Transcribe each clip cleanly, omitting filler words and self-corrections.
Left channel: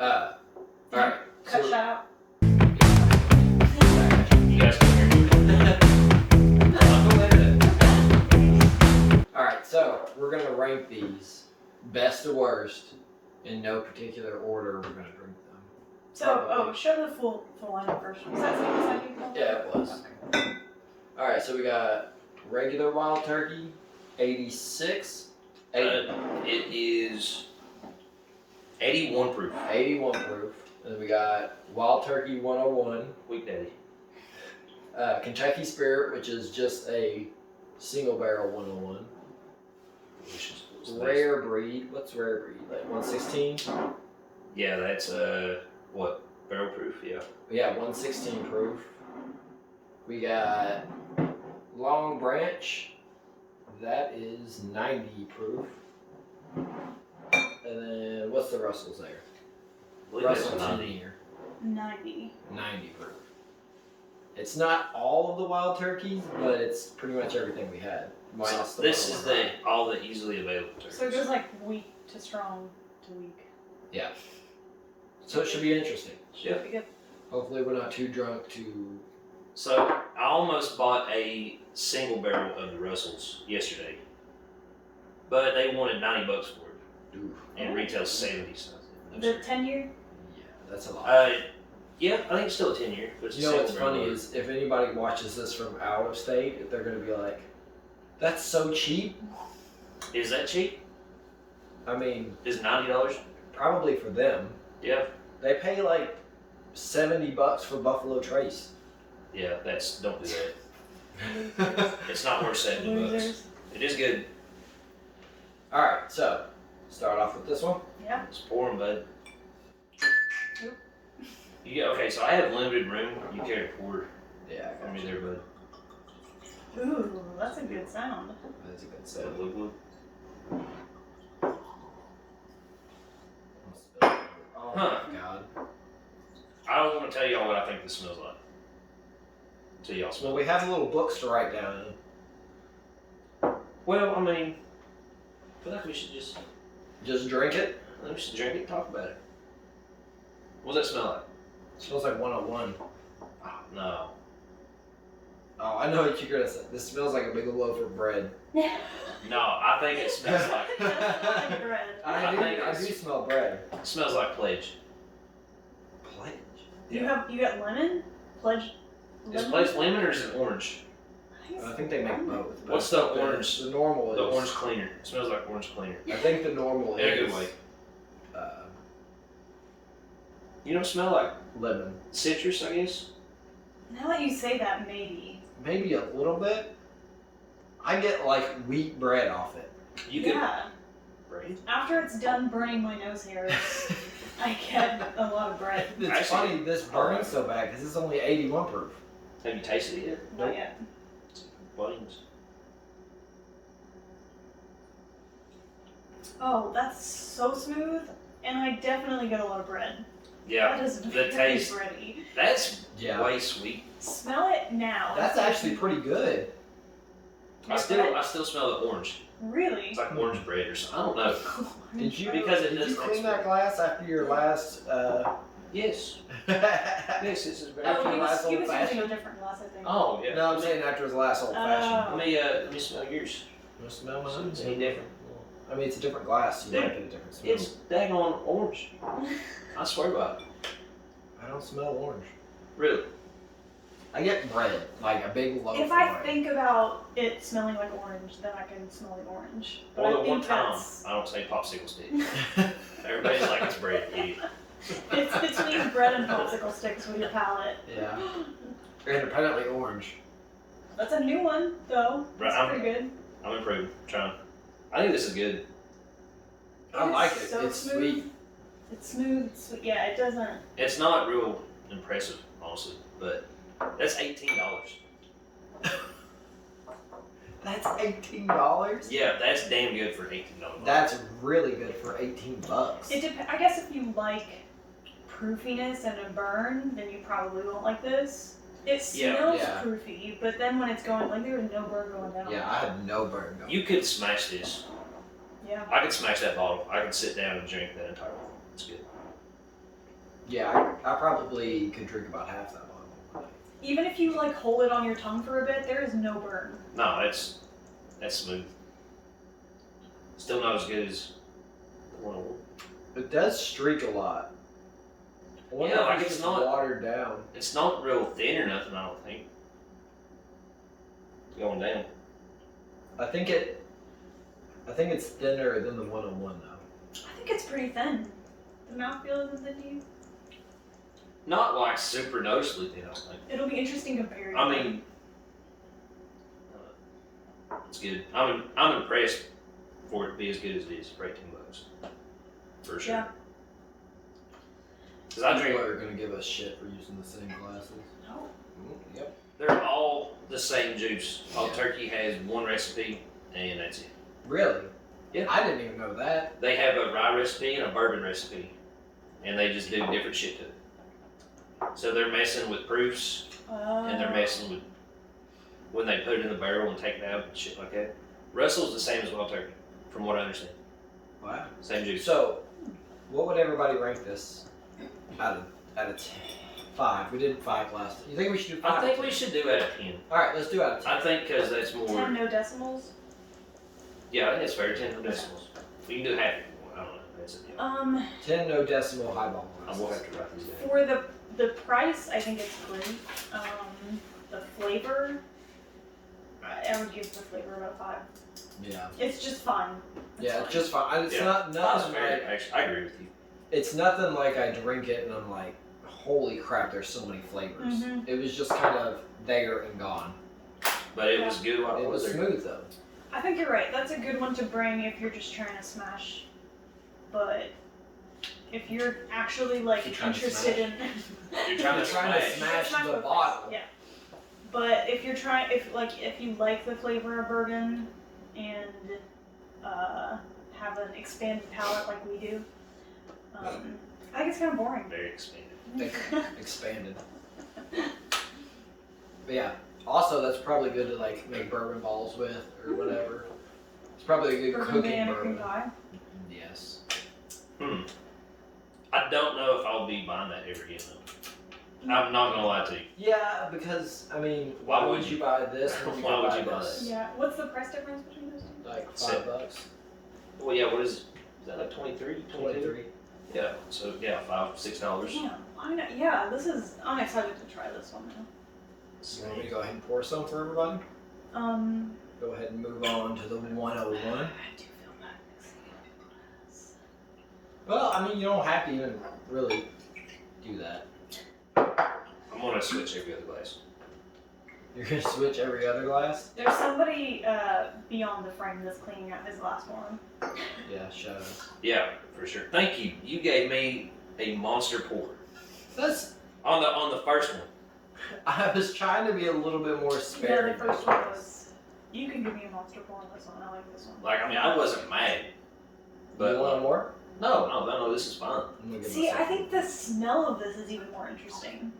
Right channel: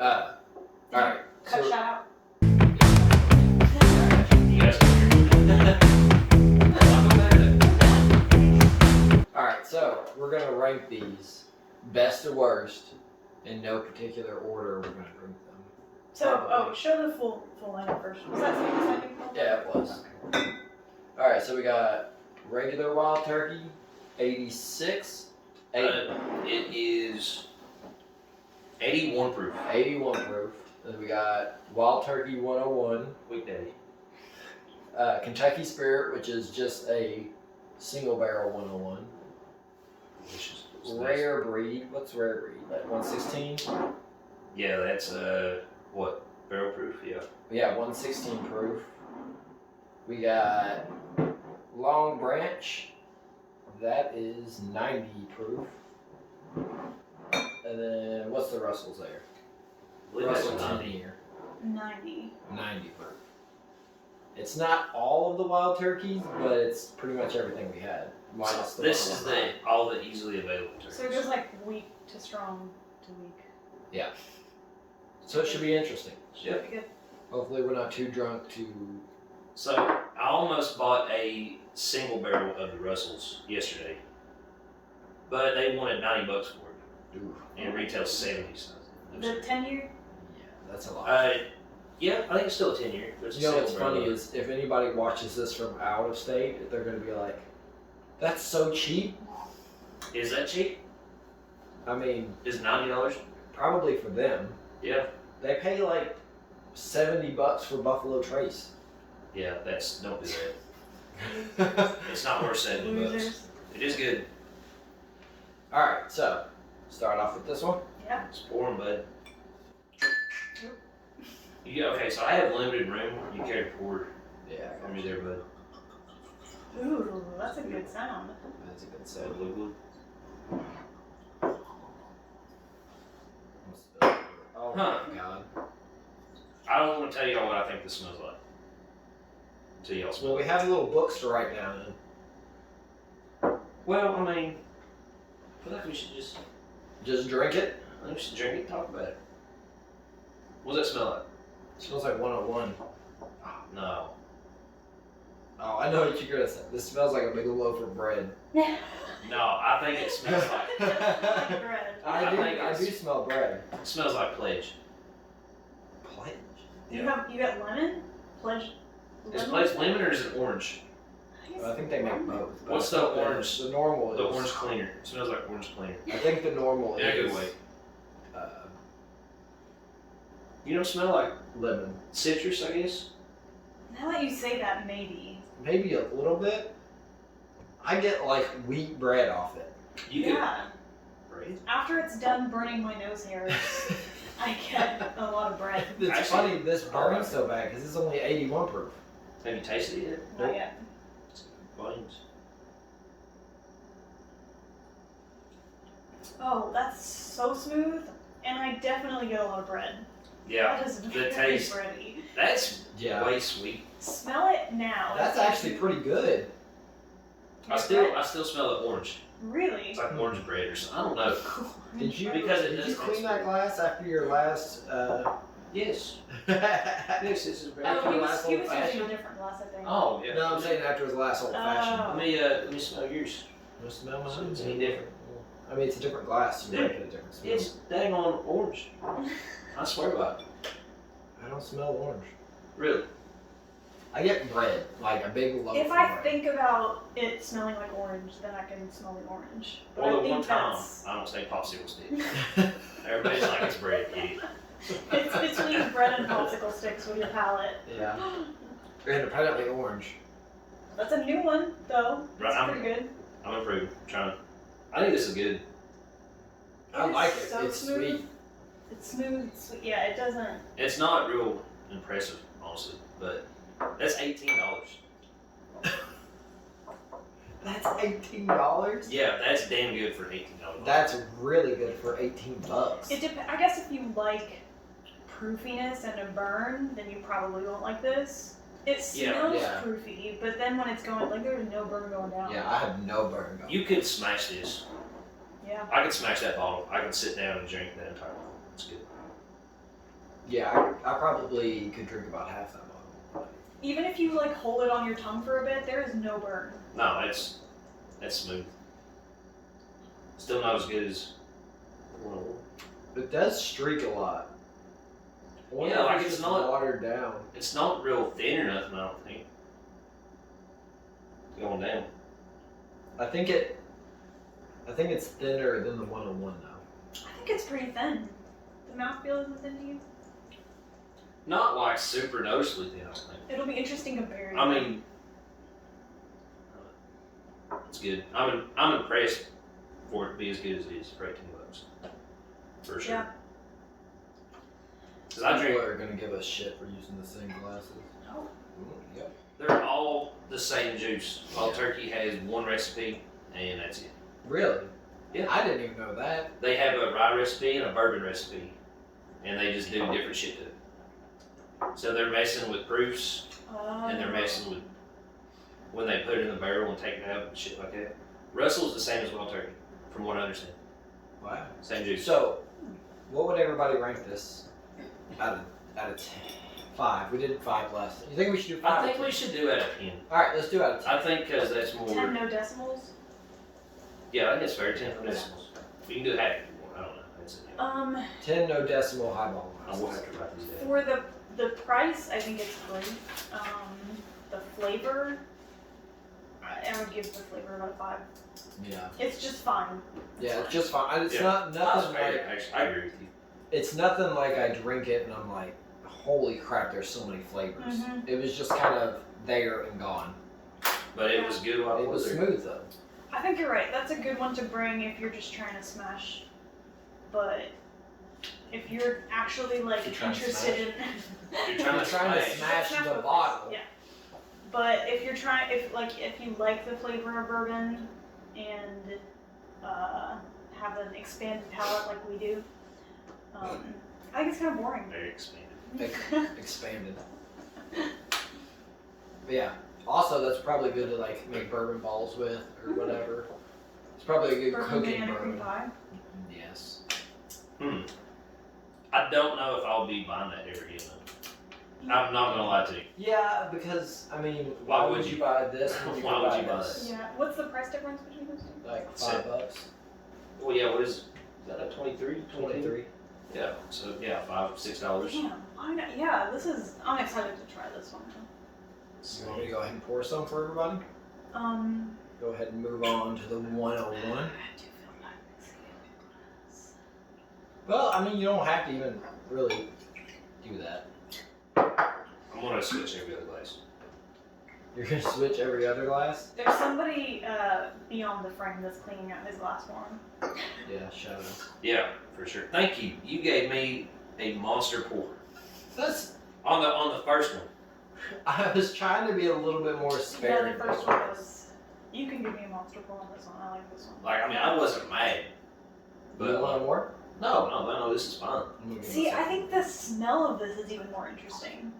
Alright. Cut So, shout out. You guys can Alright, so we're gonna rank these best to worst in no particular order. We're gonna drink them. So, show the full lineup first. Was that something you called? Yeah, it was. Okay. Alright, so we got regular wild turkey, 86. It is 81 proof. 81 proof. And we got wild turkey 101. Weekday. Kentucky Spirit, which is just a single barrel 101. Delicious. Rare breed. What's rare breed? Like 116? Yeah, that's what? Barrel proof, yeah. Yeah, 116 proof. We got Long Branch. That is 90 proof. And then what's the Russell's there? Russell 10 year. 90. 90 proof. It's not all of the wild turkeys, but it's pretty much everything we had. Minus the This is 101. all the easily available turkeys. So it goes like weak to strong to weak. Yeah. So it should be interesting. Should be good. Hopefully we're not too drunk to... So I almost bought a single barrel of the Russells yesterday, but they wanted $90 for it, Ooh. and it retails 70 something. The 10 year? Yeah, that's a lot. Yeah, I think it's still a 10-year. But it's You know what's a single funny barrel. is if anybody watches this from out of state, they're going to be like, that's so cheap. Is that cheap? I mean, Is $90? probably for them. Yeah. They pay like $70 for Buffalo Trace. Yeah, don't do that. It's not worth $70. Losers. It is good. Alright, so start off with this one. Yeah. It's pouring, bud. Yep. Okay, so I have limited room. You care to pour Yeah, for me there, bud? Ooh, that's a good sound. That's a good So, sound. look. Oh Huh. my god. I don't want to tell y'all what I think this smells like until y'all smell. Well, we have little books to write down in. Well, I mean, I feel like we should just Drink it. drink it and talk about it. What does that smell like? It smells like 101. Oh, no. Oh, I know what you're gonna say. This smells like a big loaf of bread. No, I think it smells like It does smell like bread. I do smell bread. it smells like Pledge. Pledge. You got lemon? Pledge. Is Pledge lemon or is it orange? I think they make both. but What's I the think orange? The normal is. The orange cleaner. It smells like orange cleaner. I think the normal In a is. good way. Uh, You don't smell like lemon. citrus, I guess? Now that you say that, maybe. Maybe a little bit. I get like wheat bread off it. You could. Yeah. Bread? After it's done burning my nose hairs, I get a lot of bread. It's Actually, funny this burns so bad because it's only 81 proof. Have you tasted it yet? Not yet. Buttons. Oh, that's so smooth, and I definitely get a lot of bread. Yeah. That is The very taste. bready. That's Yeah. way sweet. Smell it now. That's actually pretty good. I still smell the orange. Really? It's like orange bread or something. I don't know. Did you Because it did does you taste clean that good. glass after your last? Yes. No, Yes, this is very. After Oh, he last was old using a fashioned? different glass, I think. Oh yeah. I'm saying after his last old fashioned. Let me smell yours. You smell my It's any different. I mean, it's a different glass. You Dude, might get a different smell. It's daggone orange. I swear by it. I don't smell orange. Really. I get bread, like a big loaf. If of I bread. think about it smelling like orange, then I can smell the orange. But Or I the think one time that's... I don't say popsicle stick. Everybody's like it's bread. Idiot. It's between bread and popsicle sticks with your palate. Yeah. Independently orange. That's a new one, though. Right, That's pretty good. I'm improving. Trying. I think this is good. I like it. So It's smooth. sweet. It's smooth, sweet. Yeah, it doesn't. It's not real impressive, honestly, but that's $18. That's $18. Yeah, that's damn good for $18. That's really good for $18. I guess if you like proofiness and a burn, then you probably won't like this. It smells Yeah. proofy, but then when it's going, like there was no burn going down. Yeah, I had no burn going. You could smash this. Yeah. I could smash that bottle. I could sit down and drink that entire bottle. It's good. Yeah, I probably could drink about half that bottle. Even if you like hold it on your tongue for a bit, there is no burn. No, that's smooth. Still not as good as 101. It does streak a lot. I wonder Yeah, if like it's it's just not- watered down. It's not real thin or nothing, I don't think. Going down. I think it's thinner than the 101 though. I think it's pretty thin. The mouthfeel isn't thin to you? Not like super noticeably thin, I think. It'll be interesting comparing. I mean, it's good. I'm impressed for it to be as good as it is for $18. For sure. Yeah. Because I drink. People are gonna give us shit for using the same glasses. No. Yep. They're all the same juice. All turkey has one recipe, and that's it. Really? Yeah. I didn't even know that. They have a rye recipe and a bourbon recipe, and they just do different shit to it. So they're messing with proofs, and they're messing with when they put it in the barrel and take it out and shit like that. Russel's the same as Wild Turkey, from what I understand. Wow. Same juice. So, what would everybody rank this out of 10? 5. We did 5 last time. You think we should do 5? I think we should do out of 10. Alright, let's do out of 10. I think because that's more. 10 no decimals. Yeah, I think it's fair. 10 decimals. We can do half if you want. I don't know. That's it. 10 no decimal highball I glasses. will have to write these down. For the price, I think it's great. The flavor, I would give the flavor about a 5. Yeah. It's just fine. Yeah, it's just fine. It's Yeah. not nothing Fair, like actually, I agree with you. it's nothing like I drink it and I'm like, holy crap, there's so many flavors. Mhm. It was just kind of there and gone. But it was good while It it was there. smooth though. I think you're right. That's a good one to bring if you're just trying to smash. But if you're actually like You're trying to interested in, You're trying You're to trying to smash. smash the with bottle. this, yeah. But if you're trying, if you like the flavor of bourbon and have an expanded palate like we do, I think it's kind of boring. Very expanded. Expanded. But yeah. Also, that's probably good to like make bourbon balls with or whatever. It's probably a good Bourbon cooking banana bourbon. cream pie. Yes. I don't know if I'll be buying that ever again though. I'm not gonna lie to you. Yeah, because I mean, why would you buy this when you Why could would buy you buy this? Yeah. What's the price difference between those two? Like So- $5. Well, yeah. What is that like 23? 23. Yeah. So yeah, $5-6. Damn. Yeah. I'm excited to try this one. You want me to go ahead and pour some for everybody? Go ahead and move on to the 101. I do feel bad mixing it. Well, I mean, you don't have to even really do that. I'm gonna switch every other glass. You're gonna switch every other glass? There's somebody beyond the frame that's cleaning out his glass one. Yeah, shadow. Yeah, for sure. Thank you. You gave me a monster pour That's. on the first one. I was trying to be a little bit more Yeah, sparing. the first one was. You can give me a monster pull on this one. I like this one. Like, I mean, I wasn't mad. But You want more? no, this is fine. I'm gonna give See, myself I think the smell of this is even more interesting.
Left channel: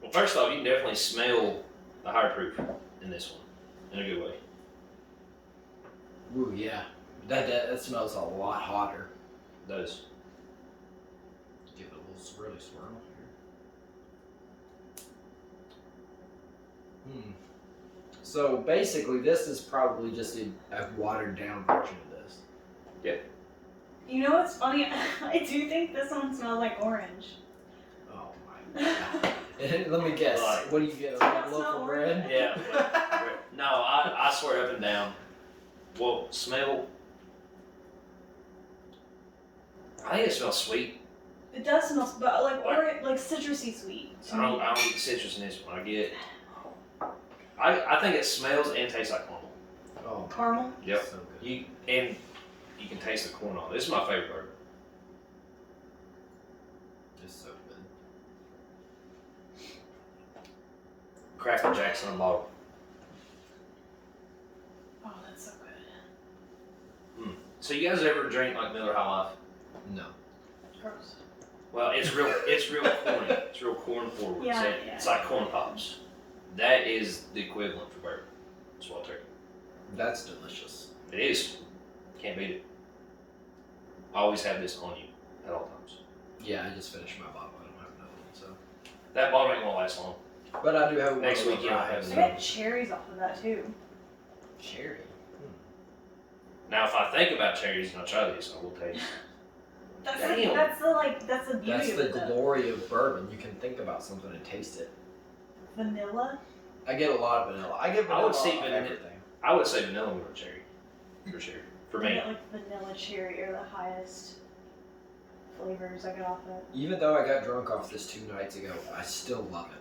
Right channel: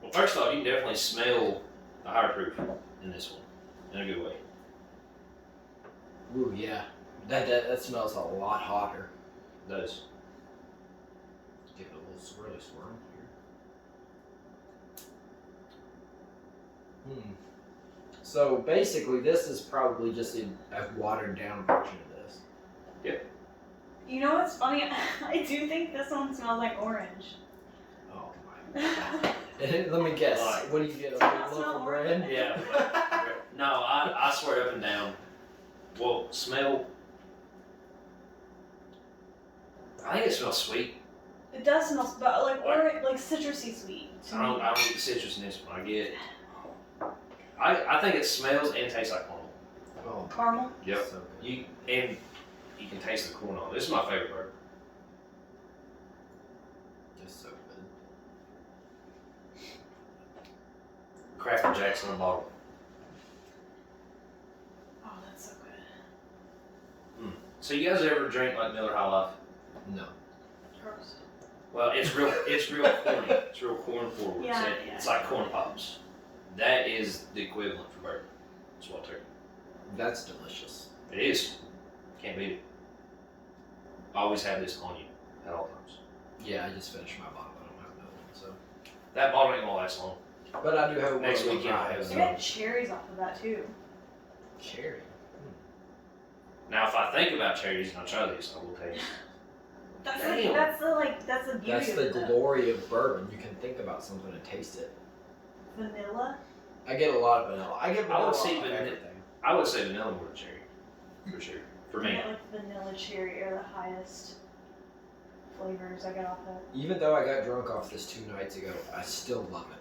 Well, first off, you can definitely smell the higher proof in this one, in a good way. Ooh, yeah. That smells a lot hotter. It does. Give it a little swirly swirl here. So basically, this is probably just a watered down version of this. You know what's funny? I do think this one smells like orange. Oh my god. Let me guess. Right. What do you get? A Does that loaf smell of orange? bread? Yeah. No, I swear up and down. Well, smell. I think it smells sweet. It does smell, but like orange, like citrusy sweet. To I me. don't get citrus in this one. I think it smells and tastes like caramel. Oh, Caramel. Yep. so good. You can taste the corn on it. This is my favorite part. Just so good. Cracker Jacks in a bottle. Oh, that's so good. So you guys ever drink like Miller High Life? No. Gross. Well, it's real corny. It's real corn forward. Yeah, So yeah. it's like corn pops. That is the equivalent for bourbon. It's Wild Turkey. That's delicious. It is. Can't beat it. Always have this on you at all times. Yeah, I just finished my bottle. I don't have another one, so. That bottle ain't gonna last long. But I do have one Next of the week, yeah, ryes. I got cherries off of that too. Cherry. Now, if I think about cherries and I try these, I will tell you. That's Damn. the beauty That's of the it. glory of bourbon. You can think about something and taste it. Vanilla. I get a lot of vanilla. I get vanilla would see on vanilla. everything. I would say vanilla more than cherry, for sure. For I me. get like vanilla cherry are the highest flavors I got off of it. Even though I got drunk off this 2 nights ago, I still love it.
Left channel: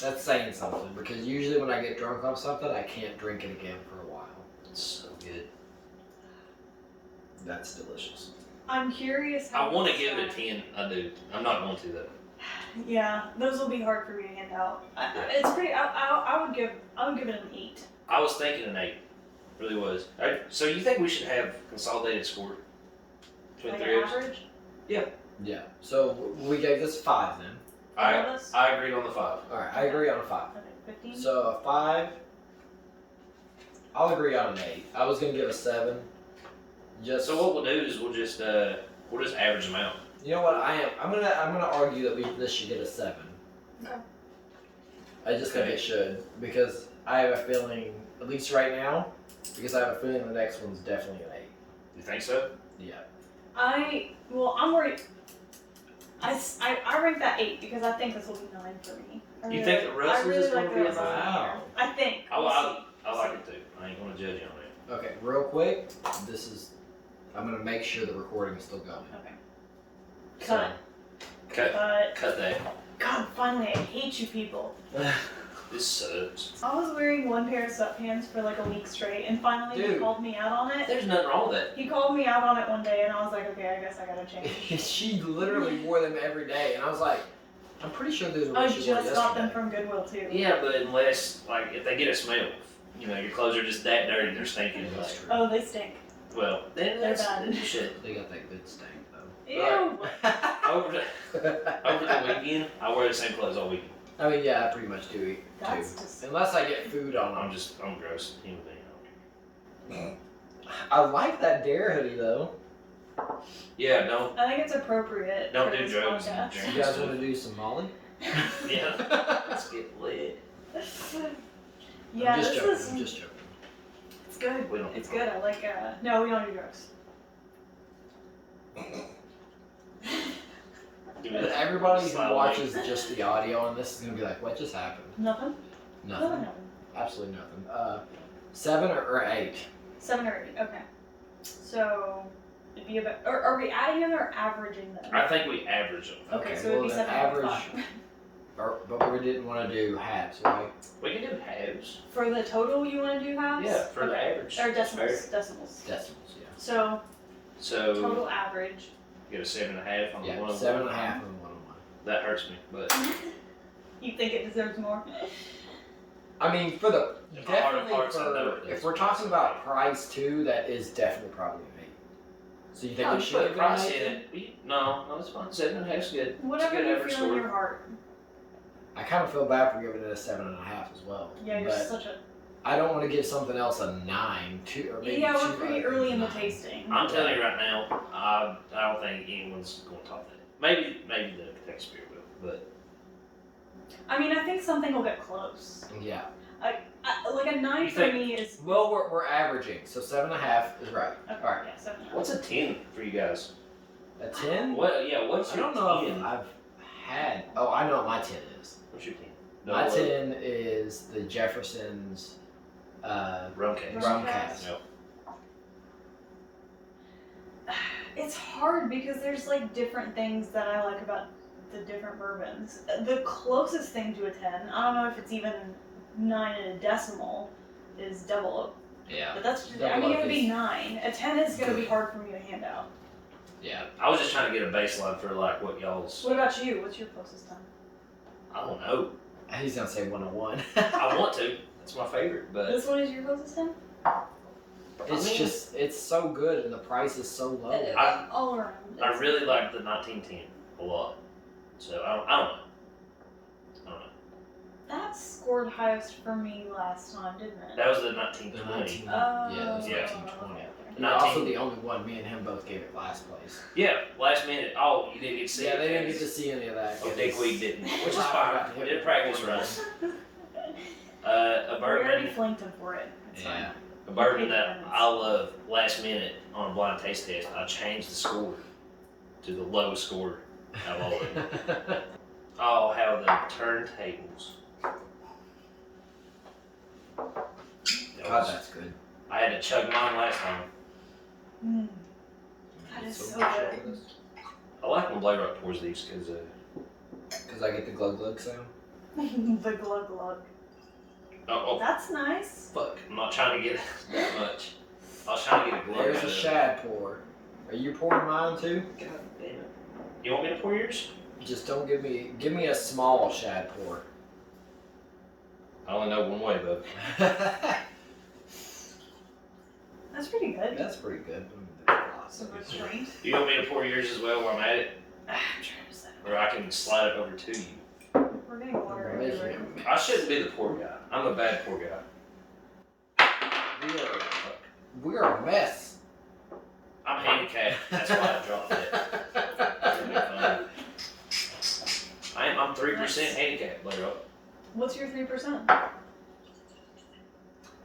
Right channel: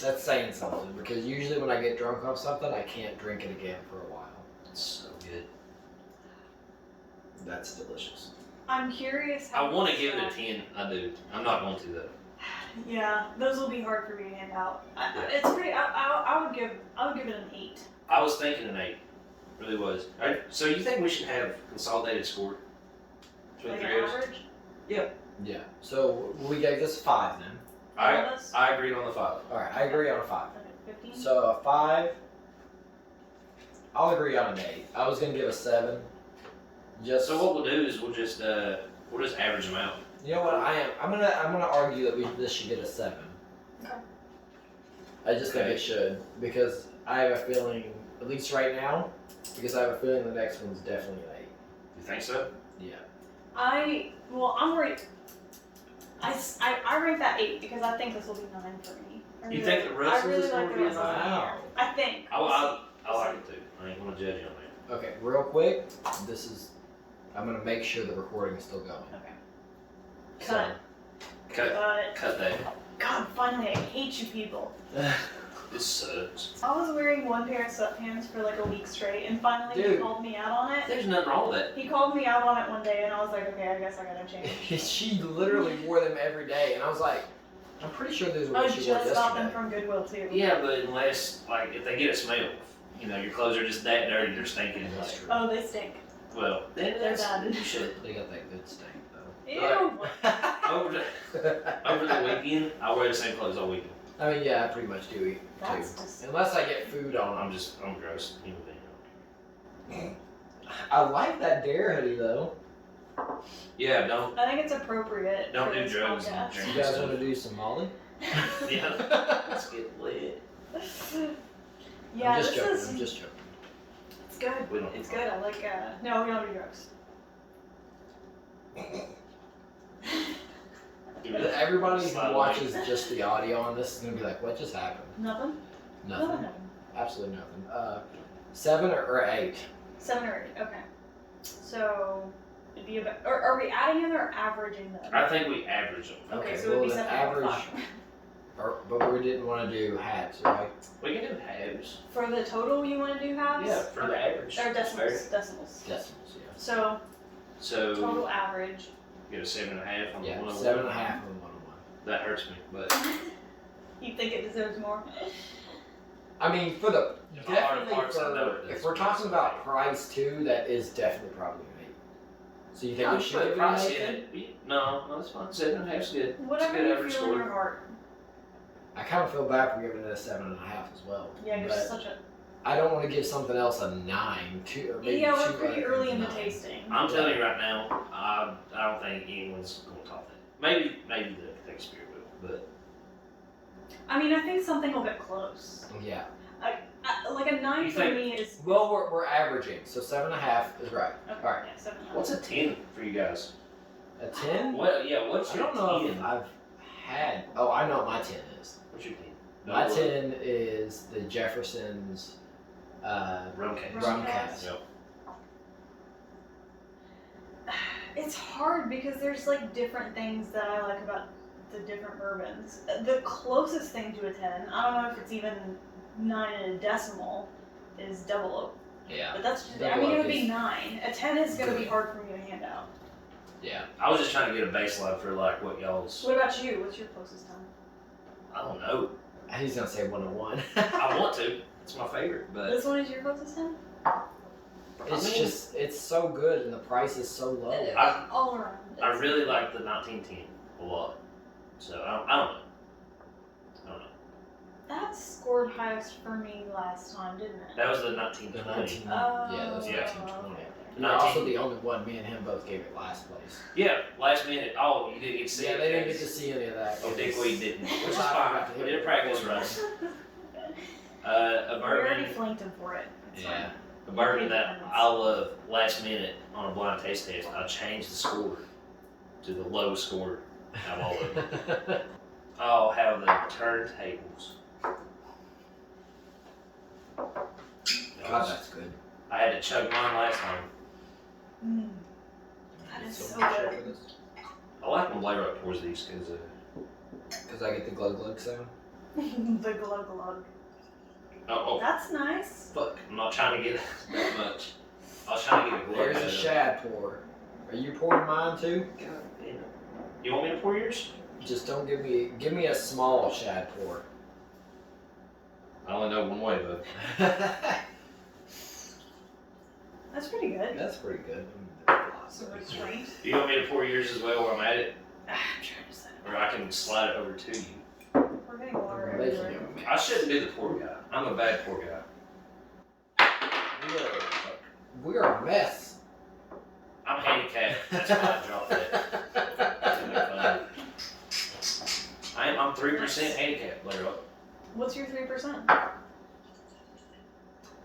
That's saying something because usually when I get drunk off something, I can't drink it again for a while. It's so good. That's delicious. I'm curious how. I want to give it a 10. I do. I'm not going to though. Yeah, those will be hard for me to hand out. It's pretty. I would give it an 8. I was thinking an 8. Really was. Alright, so you think we should have consolidated score between Like three an of us? average. Yeah. So we gave this 5 then. All of us? I agreed on the 5. All right, I agree on a 5. Okay, 15. So a 5. I'll agree on an 8. I was gonna give a 7. Just So what we'll do is we'll just average them out. you know what I'm gonna argue that this should get a 7. Okay. I just think Okay. it should because I have a feeling, at least right now, because I have a feeling the next one's definitely an 8. You think so? Yeah. I'm worried. I rank that 8 because I think this will be 9 for me. You think the Russel's is gonna be a 9? Wow. I think. I We'll see. like it too. I ain't gonna judge you on that. Okay, real quick, I'm gonna make sure the recording is still going. Okay. So, Cut that. God, finally, I hate you people. This sucks. I was wearing one pair of sweatpants for like a week straight, and finally he Dude. called me out on it. There's nothing wrong with that. He called me out on it one day, and I was like, okay, I guess I gotta change. she literally wore them every day, and I was like, I'm pretty sure those are I what she wore just got them yesterday. from Goodwill too. Yeah, but unless if they get a smell, your clothes are just that dirty, they're stinking. That's Like, true. Oh, they stink. well, then They're that's bad. shit. They got that good stank though. Ew. Over the weekend, I wear the same clothes all weekend. I mean, yeah, I pretty much do eat That's too. just. Unless I get food on them. I'm a gross human being. I like that Dare hoodie though. Yeah, don't I think it's appropriate. Don't for do this drugs and podcast. drink. You guys want to do some Molly? yeah. Let's get lit. Yeah, I'm just this joking. is. I'm just joking. It's good. We don't do It's good. I like. No, we don't do drugs. Dude, Everybody Slide who away. watches just the audio on this is gonna be like, "What just happened?" Nothing. Nothing. No. Absolutely nothing. 7 or 8? 7 or 8. Okay. So it'd be about. Or are we adding them or averaging them? I think we average them. Okay, Okay, so it'd be well, the 7 average- But we didn't want to do halves, right? We can do halves. For the total, you want to do halves? Yeah, for the average. Or That's decimals. fair. Decimals. Decimals, yeah. So So total average. get a 7.5 on the Yeah, one. 7.5 on 1-on-1. That hurts me, but You think it deserves more? I mean, for the If I hard definitely parts, I know for it if does. we're talking about price too, that is definitely probably an 8. So you think we should put give it an price 8? in then? it. No, that's fine. 7.5 is good. Whatever it's a good you average feel in score. your heart. I kind of feel bad for giving it a 7.5 as well. Yeah, you're but such a. I don't want to give something else a 9, 2, or maybe Yeah, 2 we're pretty other early in the 9. tasting. I'm telling you right now, I don't think anyone's going to top that. Maybe the Kentucky Spirit will, but I mean, I think something will get close. Yeah. Like a 9 You for think- me is. Well, we're averaging, so 7.5 is right. Okay, All right. yeah, 7. what's a 10 for you guys? A 10? What? Yeah, what's I your don't know 10? if I've had. Oh, I know what my 10 is. What's your 10? My 10 is the Jefferson's Rum case. rum cast. Yep. It's hard because there's like different things that I like about the different bourbons. The closest thing to a 10, I don't know if it's even 9 in a decimal, is double oak. Yeah. But that's just, I Double mean, it oak would be is 9. A 10 is going to be good. hard for me to hand out. Yeah. I was just trying to get a baseline for like what y'all's. What about you? What's your closest 10? I don't know. He's gonna say 101. I want to. It's my favorite, but This one is your closest 10? It's just, it's so good and the price is so low. All around. I really like the 1910 a lot. So I don't know. That scored highest for me last time, didn't it? That was the The 1920. 19, yeah, it was Yeah. 1920. okay. You're also the only one. Me and him both gave it last place. Yeah, last minute. Oh, you didn't get to see Yeah, it. they didn't get to see any of that. Yeah, Dickweed didn't, which is I fine. forgot to We hit did a it practice before run. We A already bourbon, flanked him for it. It's Yeah. fine. a bourbon that I love. Last minute on a blind taste test, I changed the score to the lowest score of all of them. Oh, how the turntables. God, that's good. I had to chug mine last time. Mm. That is so good. I like when Blade Rock pours these Because I get the glug glug sound. The glug glug. oh, That's nice. Fuck. I'm not trying to get that much. I was trying to get a glug. There's out a of it. shad pour. Are you pouring mine too? God damn it. You want me to pour yours? Just don't give me a small shad pour. I only know one way, bud. That's pretty good. That's pretty good. Some restraint. You want me to pour yours as well while I'm at it? I'm trying to say. Or I can slide it over to you. We're getting water I'm making everywhere. it. I shouldn't be the poor guy. I'm a bad poor guy. We are a mess. I'm handicapped. That's why I dropped it. I'm 3% handicapped, Blade Rock. What's your 3%?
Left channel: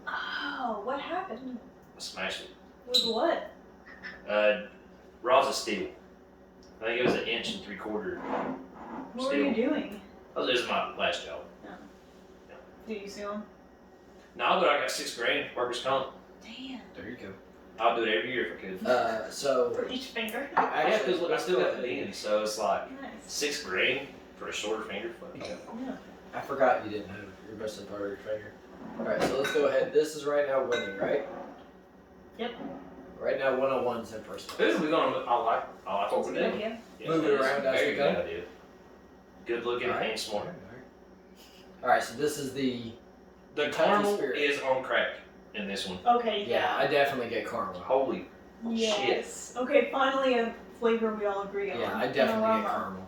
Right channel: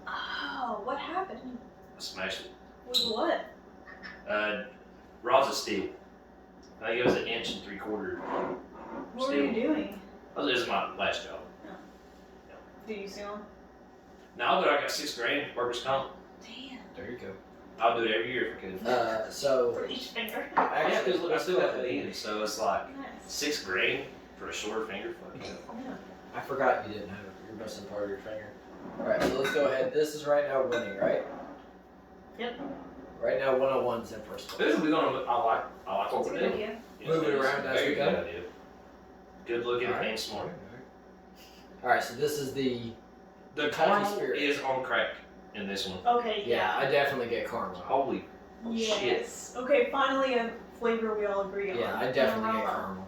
Oh, what happened? I smashed it. With what? Rods of steel. I think it was 1 3/4. What were you doing? Oh, this is my last job. Did you see one? No, but I got $6,000 workers' comp. Damn. There you go. I'll do it every year if I could. So For each finger. actually, I let's still go got the ahead. beans, so it's like Nice. $6,000 for a shorter finger. Fuck yeah. Yeah. I forgot you didn't have your missing part of your finger. Alright, so let's go ahead. This is right now winning, right? Yep. Right now 101's in first place. Who are we gonna? I like That's what a we're good doing. idea. Move it around as we go. Good looking Alright. and smart. Alright, so this is the The Kentucky caramel Spirit. is on crack in this one. Okay, yeah, I definitely get caramel. Holy Yes. Okay, finally a flavor we all agree on. Yeah, I An definitely get aroma. caramel.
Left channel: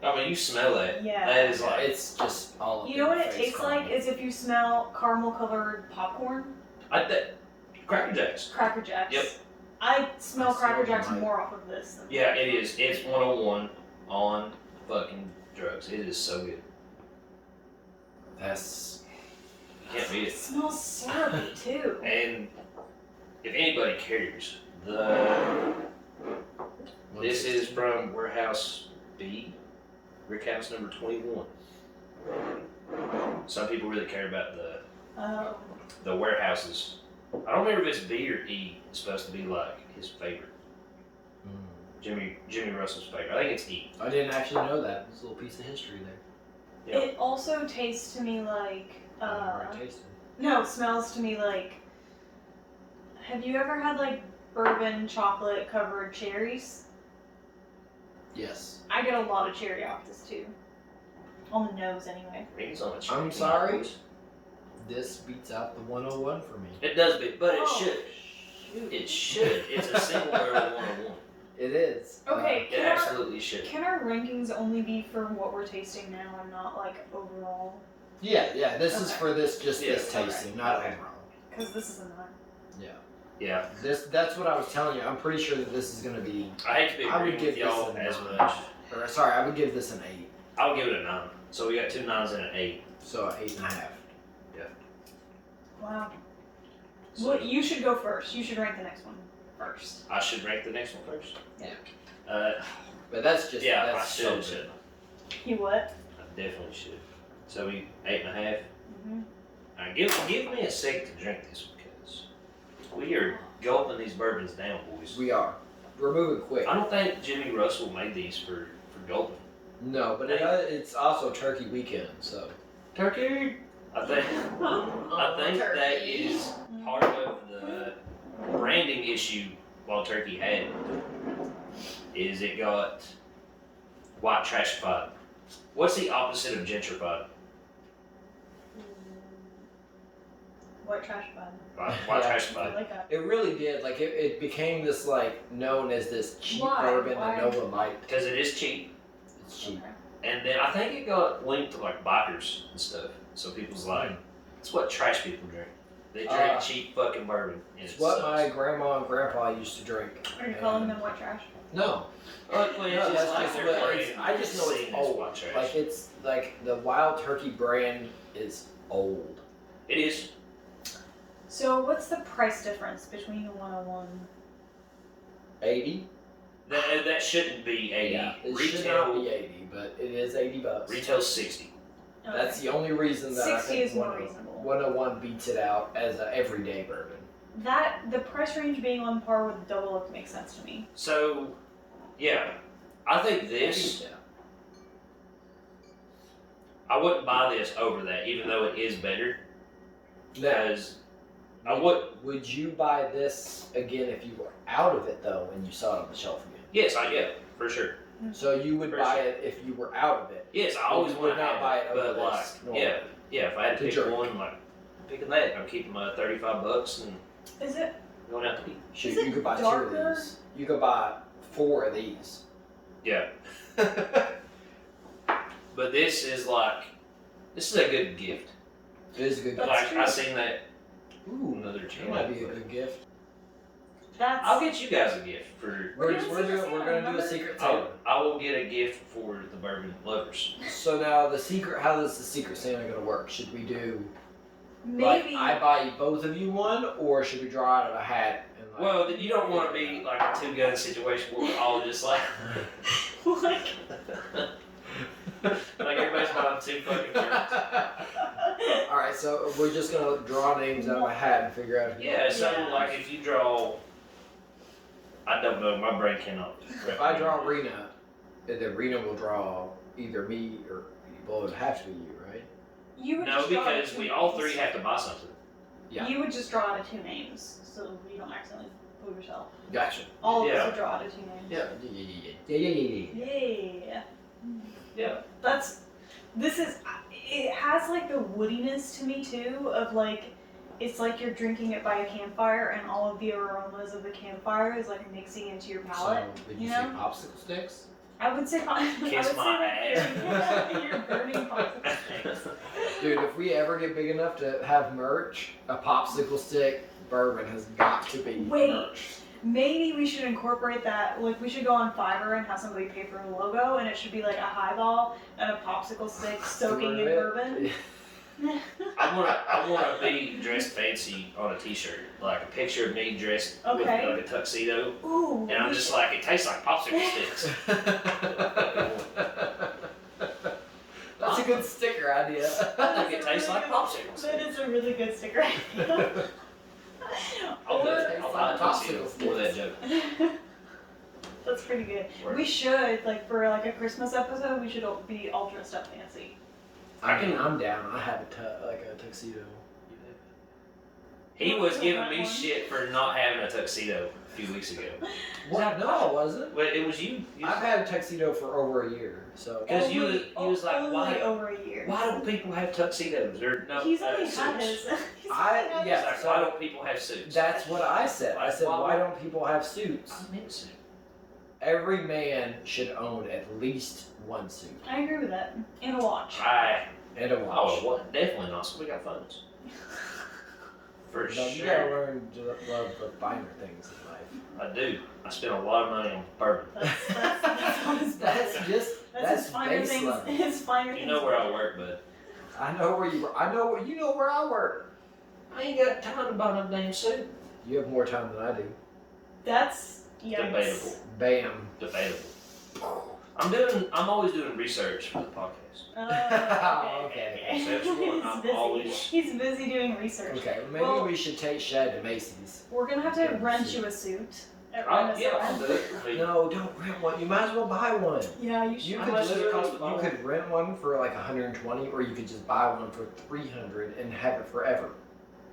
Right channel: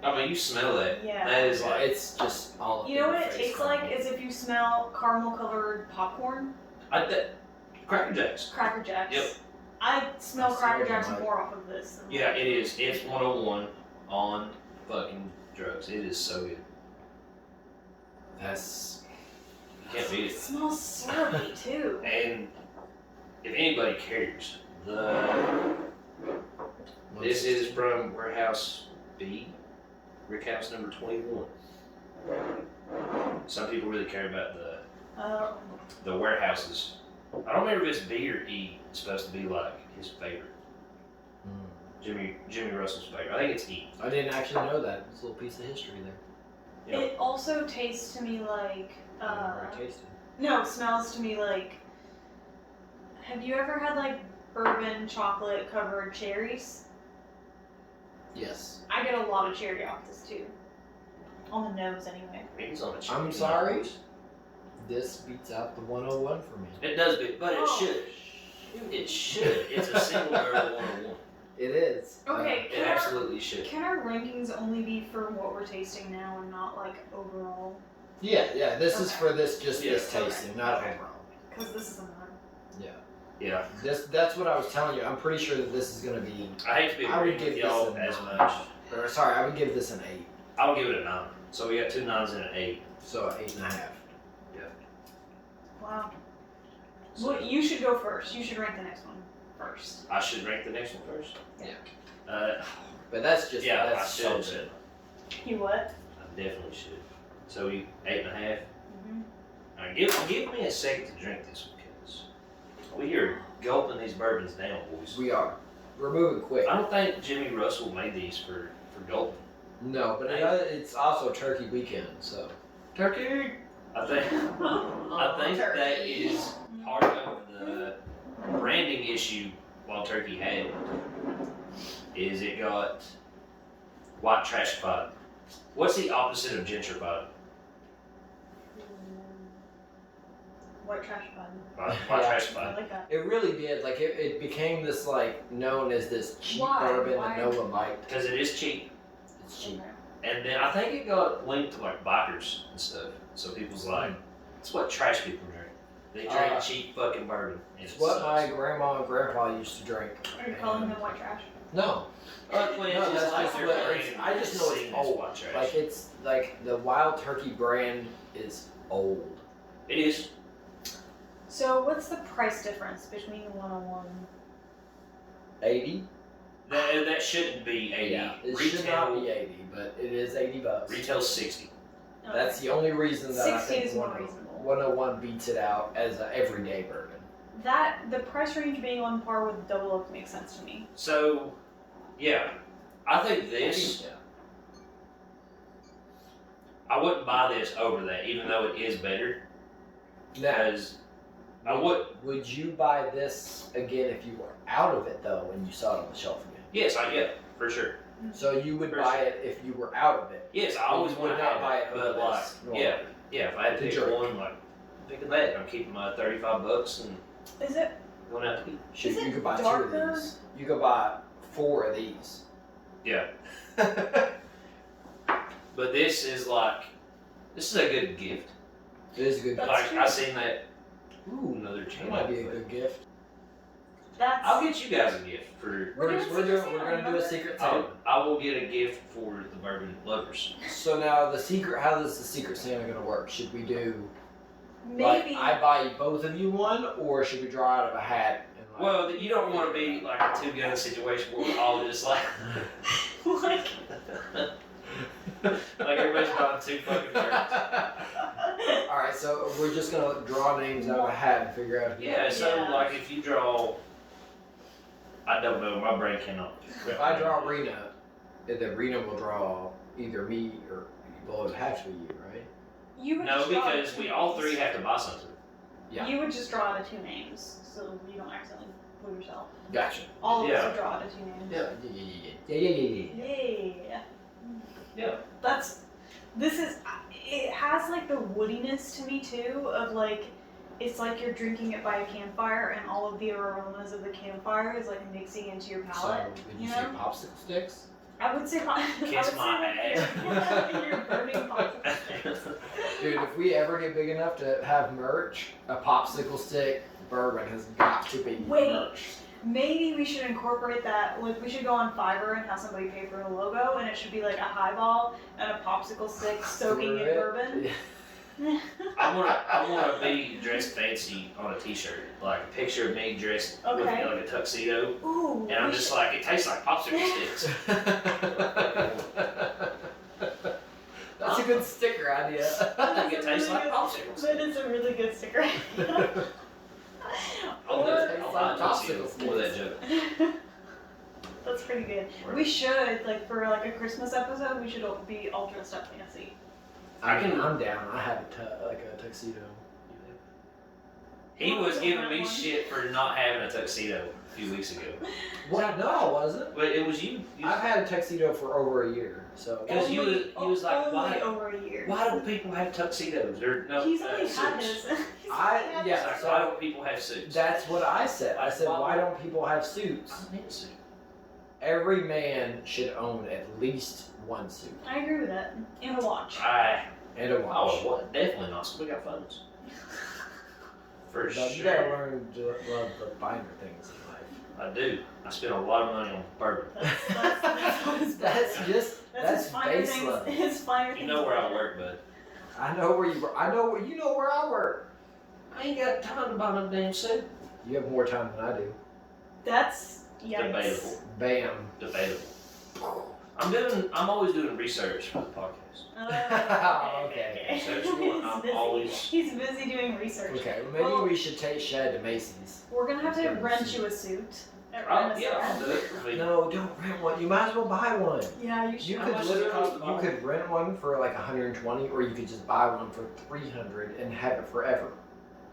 I mean, you smell that. Yeah. That is Yeah, like it's just all up You in know your what it face tastes caramel. like is if you smell caramel colored popcorn, Cracker Jacks. Cracker Jacks. Yep. I smell I Cracker smell Jacks them, more off of this than Yeah, it is. It's 101 on fucking drugs. It is so good. That's Can't beat It it. smells syrupy too. And if anybody cares, this is from Warehouse B, Rick House number 21. Some people really care about the warehouses. I don't remember if it's B or E. It's supposed to be like his favorite. Jimmy Russell's favorite. I think it's E. I didn't actually know that. It's a little piece of history there. Yep. It also tastes to me like I've already tasted. no, smells to me like. Have you ever had like bourbon chocolate covered cherries? Yes. I get a lot of cherry off this too. On the nose anyway. Rings on a I'm sorry. This beats out the 101 for me. It does, but it Oh, should. It should. It's a single barrel 101. It is. Okay, It absolutely should. can our rankings only be for what we're tasting now and not like overall? Yeah. This is Okay. for this this Yeah, tasting, not okay. overall. Because this is a 9. Yeah. That's what I was telling you. I'm pretty sure that this is gonna be. I hate to be I would agreeing give with y'all this a as 9. much. Or sorry, I would give this an 8. I'll give it a 9. So we got 2 9s and an 8. So 8.5. Wow. So Well, you should go first. You should rank the next one first. I should rank the next one first? Yeah. But that's just Yeah, that's I so should. good. shouldn't You what? I definitely should. So we 8.5. Mm-hmm. Alright, give me a second to drink this because we are gulping these bourbons down, boys. We are. We're moving quick. I don't think Jimmy Russell made these for gulping. No, but it's also Turkey weekend, so. Turkey. I think that is part of the branding issue while Turkey had is it got white trashified. What's the opposite of gentrified? White trash bun. White Yeah. I trashified. like that. It really did. Like it became this like known as this cheap Why? bourbon Why? that no one liked. Because it is cheap. It's cheap. Okay. And then I think it got linked to like bikers and stuff. So people's like, it's what trash people drink. They drink cheap fucking bourbon. It's what my grandma and grandpa used to drink. Are you calling them white trash? No. No, that's just what I just know it's old. Like it's like the Wild Turkey brand is old. It is. So what's the price difference between the 101? 80. That shouldn't be 80. Yeah, it should not be 80, but it is $80. Retail's 60. Okay. That's the only reason that 60 I think is more reasonable. 101 beats it out as an everyday bourbon. The price range being on par with Double Oak makes sense to me. So, yeah, I think this. Yeah. I wouldn't buy this over that, even though it is better. Because I would. Would you buy this again if you were out of it though, and you saw it on the shelf again? Yes, for sure. So you would buy it if you were out of it. Yes, I always would not buy it over but this. like, yeah. If I had to pick drink. one, like picking that, I'm keeping my $35 and Is it? going out to eat. Shoot, Is it you could buy darker? 2 of these. You could buy 4 of these. Yeah. But this is a good gift. It is a good That's gift. Like I seen that. Ooh, another That channel. might be a good gift. I'll get you guys a gift for. We're gonna do a secret Santa. I will get a gift for the bourbon lovers. So now the secret. How is the secret Santa gonna work? Should we do? Maybe. Like, I buy both of you one, or should we draw out of a hat? And like, Well, you don't want to be like a two-gun situation where we're all just like like. like everybody's buying 2 fucking birds. Alright, so we're just gonna draw names out of a hat and figure out who. Yeah, so like if you draw, I don't know, my brain cannot. If I draw Rena, then Rena will draw either me or, well, it would have to be you, right? You would No, just draw because two we all names. 3 have to buy something. Yeah. You would just draw out of 2 names, so you don't accidentally fool yourself. Gotcha. All of us Yeah. would draw out of 2 names. Yeah. Yeah. Yeah. It has like the woodiness to me too, of like, it's like you're drinking it by a campfire and all of the aromas of the campfire is like mixing into your palate. So, would you say popsicle sticks? I would say, Kiss my that you're burning popsicle sticks. Dude, if we ever get big enough to have merch, a popsicle stick bourbon has got to be merch. Maybe we should incorporate that. Like, we should go on Fiverr and have somebody pay for a logo, and it should be like a highball and a popsicle stick soaking in bourbon. Yeah. I want to be dressed fancy on a T-shirt, like a picture of me dressed with Okay. like a tuxedo, Ooh. and I'm just like, it tastes like popsicle sticks. That's a good sticker idea. I think it tastes like popsicle That sticks. is a really good sticker. I'll buy a Popsicle tuxedo for that joke. That's pretty good. Right. We should, like, for like a Christmas episode, we should all be all dressed up fancy. I'm down. I have a tuxedo. He was giving me shit for not having a tuxedo a few weeks ago. What? No, I wasn't. But it was you. I've had a tuxedo for over a year, so. Because you was like, only why? over a year. Why don't people have tuxedos? He's only had suits. this. He's I- only had yeah, It's like, so- why don't people have suits? That's what I said. I said, Why- why don't people have suits? I need a suit. Every man should own at least one suit I agree with that. And a watch. and a watch. Oh, what? Definitely not. We got phones. For But sure. you gotta learn to love the finer things in life. I do. I spend a lot of money on bourbon. That's on his That's budget. just That's his finer base things. level. His finer You things. know where I work, bud. I know where you. I know where you know where I work. I ain't got time to buy no damn suit. You have more time than I do. That's yikes. Debatable. Bam. Debatable. I'm always doing research for the podcast. Oh, Okay. So that's what I'm busy. always- He's busy doing research. Okay, well, maybe Well- we should take Shad to Macy's. We're gonna have to Get him a rent suit. you a suit. At I'll Renaissance. do it. I mean, No, don't rent one. You might as well buy one. Yeah, you should. You How could much does it cost to buy you one? could rent one for like 120, or you could just buy one for 300 and have it forever.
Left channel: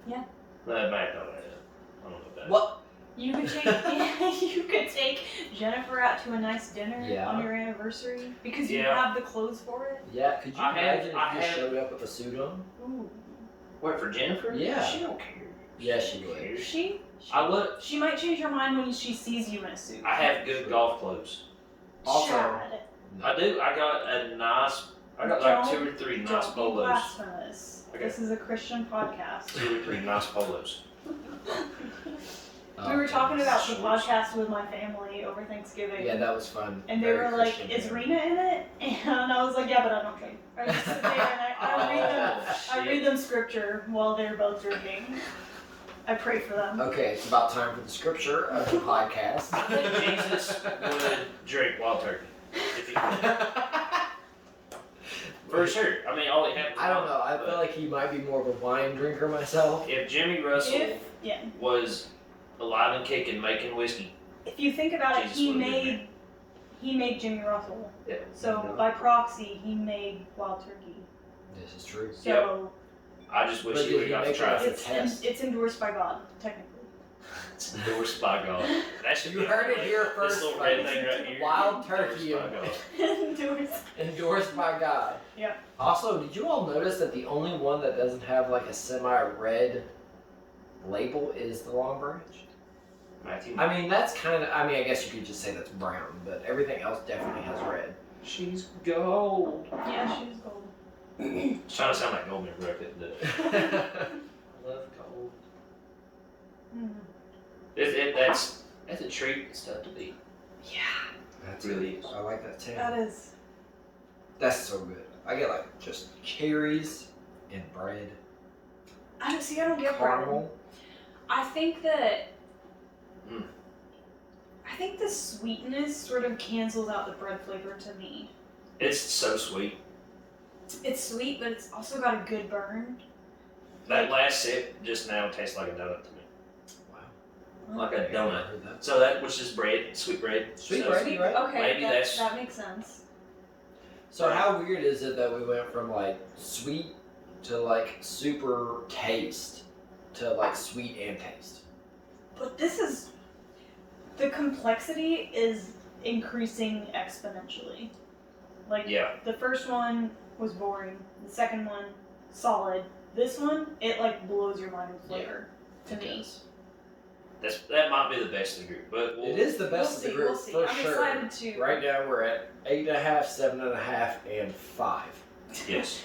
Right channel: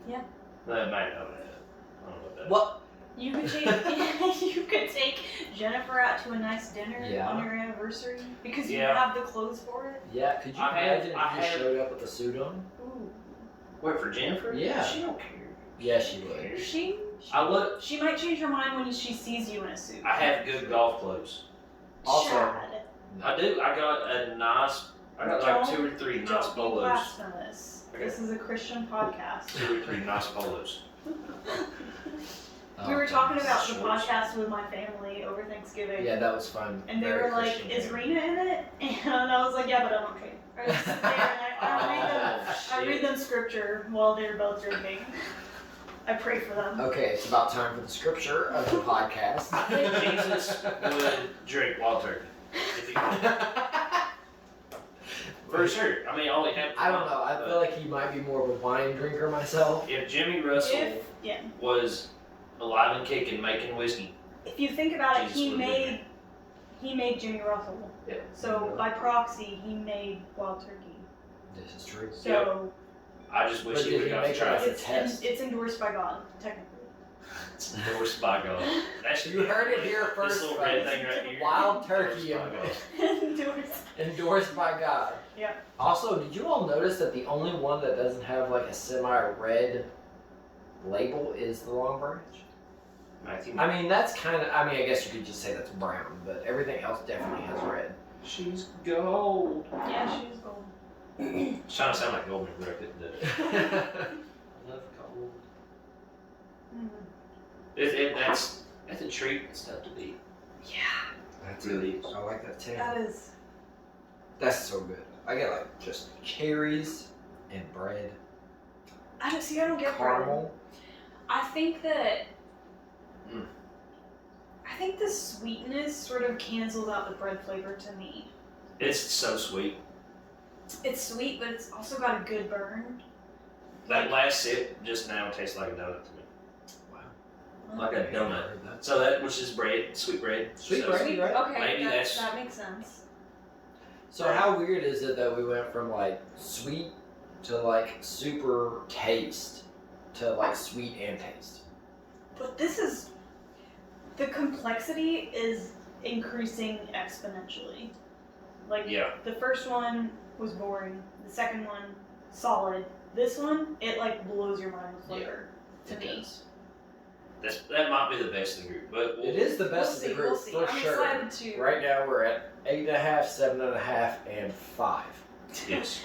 that might not have it. I don't know about that. What? You could take Jennifer out to a nice dinner Yeah. on your anniversary because you Yeah. have the clothes for it. Yeah, could you I have- imagine if I you just have- showed up with a suit on? Ooh, Wait, for Jennifer? Yeah. She don't care. Yeah, she would. she I might change her mind when she sees you in a suit. have good golf clothes. Also- Chad. I do. I got a nice I got like 2 or 3 nice Don't be polos. blasphemous. Okay. This is a Christian podcast. 2 or 3 nice polos. We were talking about the Shorts. podcast with my family over Thanksgiving. Yeah, that was fun. And they Very were like, Christian "Is family. Rena in it?" And I was like, "Yeah, but I don't drink." I just sit there and I read them scripture while they're both drinking. I pray for them. Okay, it's about time for the scripture of the podcast. Jesus would drink wild turkey. If he could. For sure. I mean, all he had. I don't know. I feel like he might be more of a wine drinker myself. If Jimmy Russell Yeah. was alive and kicking, making whiskey, If you think about it, Jesus he would've been made Jimmy Russell. Yeah. So by proxy, he made Wild Turkey. This is true. So I just wish But he did would he have got to make try it? it. it's endorsed by God, technically. It's endorsed by God. That should You be heard it here This first, little red folks. thing right here. Wild turkey Endorsed by God. Endorsed. endorsed by God. Yeah. Also, did you all notice that the only one that doesn't have like a semi-red label is the Long Branch? Matthew. I mean, that's kind of. I mean, I guess you could just say that's brown, but everything else definitely has red. She's gold. Yeah, she's gold. It's trying to sound like Goldman, but I couldn't do it. I love gold. That's a treat and stuff to be. Yeah, That's Really it. I like that too. that is. That's so good. I get like just cherries and bread, I don't get bread. caramel. I think that. Mm. I think the sweetness sort of cancels out the bread flavor to me. It's so sweet. It's sweet, but it's also got a good burn. That last sip just now tastes like a donut to me. Wow. Like a I never donut. heard that. So that, which is bread, sweet bread. Sweet So bread. Right? Okay, Maybe that's- that makes sense. So how weird is it that we went from like sweet to like super taste to like sweet and taste? But this is. The complexity is increasing exponentially. Like, Yeah. the first one was boring. The second one, solid. This one, it like blows your mind with flavor. To me. does. That might be the best in the group, but It is the best of the group We'll see. for I'm sure. excited to. Right now we're at 8.5, 7.5, and 5. Yes.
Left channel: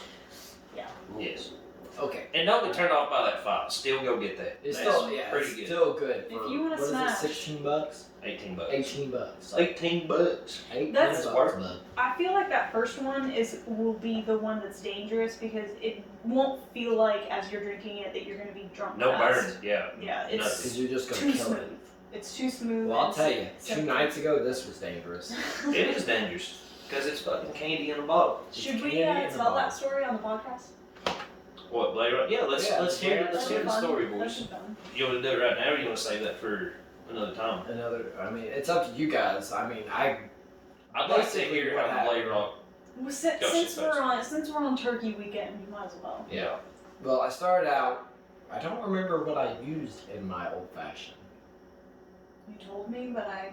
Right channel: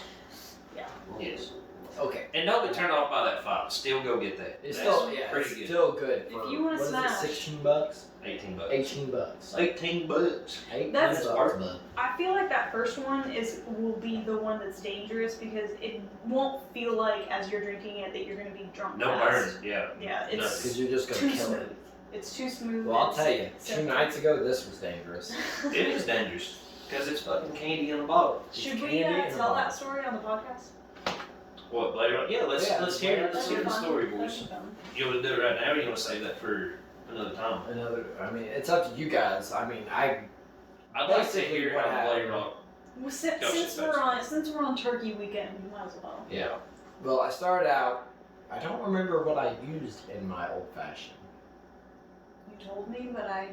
Yeah. Yes. Okay. And don't be turned off by that 5. Still go get that. It's That's still pretty it's good. still good. For, If you wanna what is it, smash. 16 bucks? $18. 18 bucks. 18 bucks. 18 That's bucks, worth bud. I feel like that first one will be the one that's dangerous because it won't feel like as you're drinking it that you're gonna be drunk. No fast. burns. Yeah. Yeah, No. it's Because you're just too gonna kill smooth. it. It's too smooth. Well, I'll and tell you, 2 simple. nights ago this was dangerous. It is dangerous because it's fucking candy in a bottle. Should It's we candy in a tell that bottle. story on the podcast? What, later on? Yeah, let's hear That'd be the fun. story, That'd boys. be fun. You want to do it right now, or you want to save that for another time? I mean, it's up to you guys. I mean, I'd like to Basically hear what how Blade happened. Rock. Well, Gotcha, since gotcha. we're on Turkey weekend, you might as well. Yeah. well, I started out. I don't remember what I used in my old fashioned. You told me, but I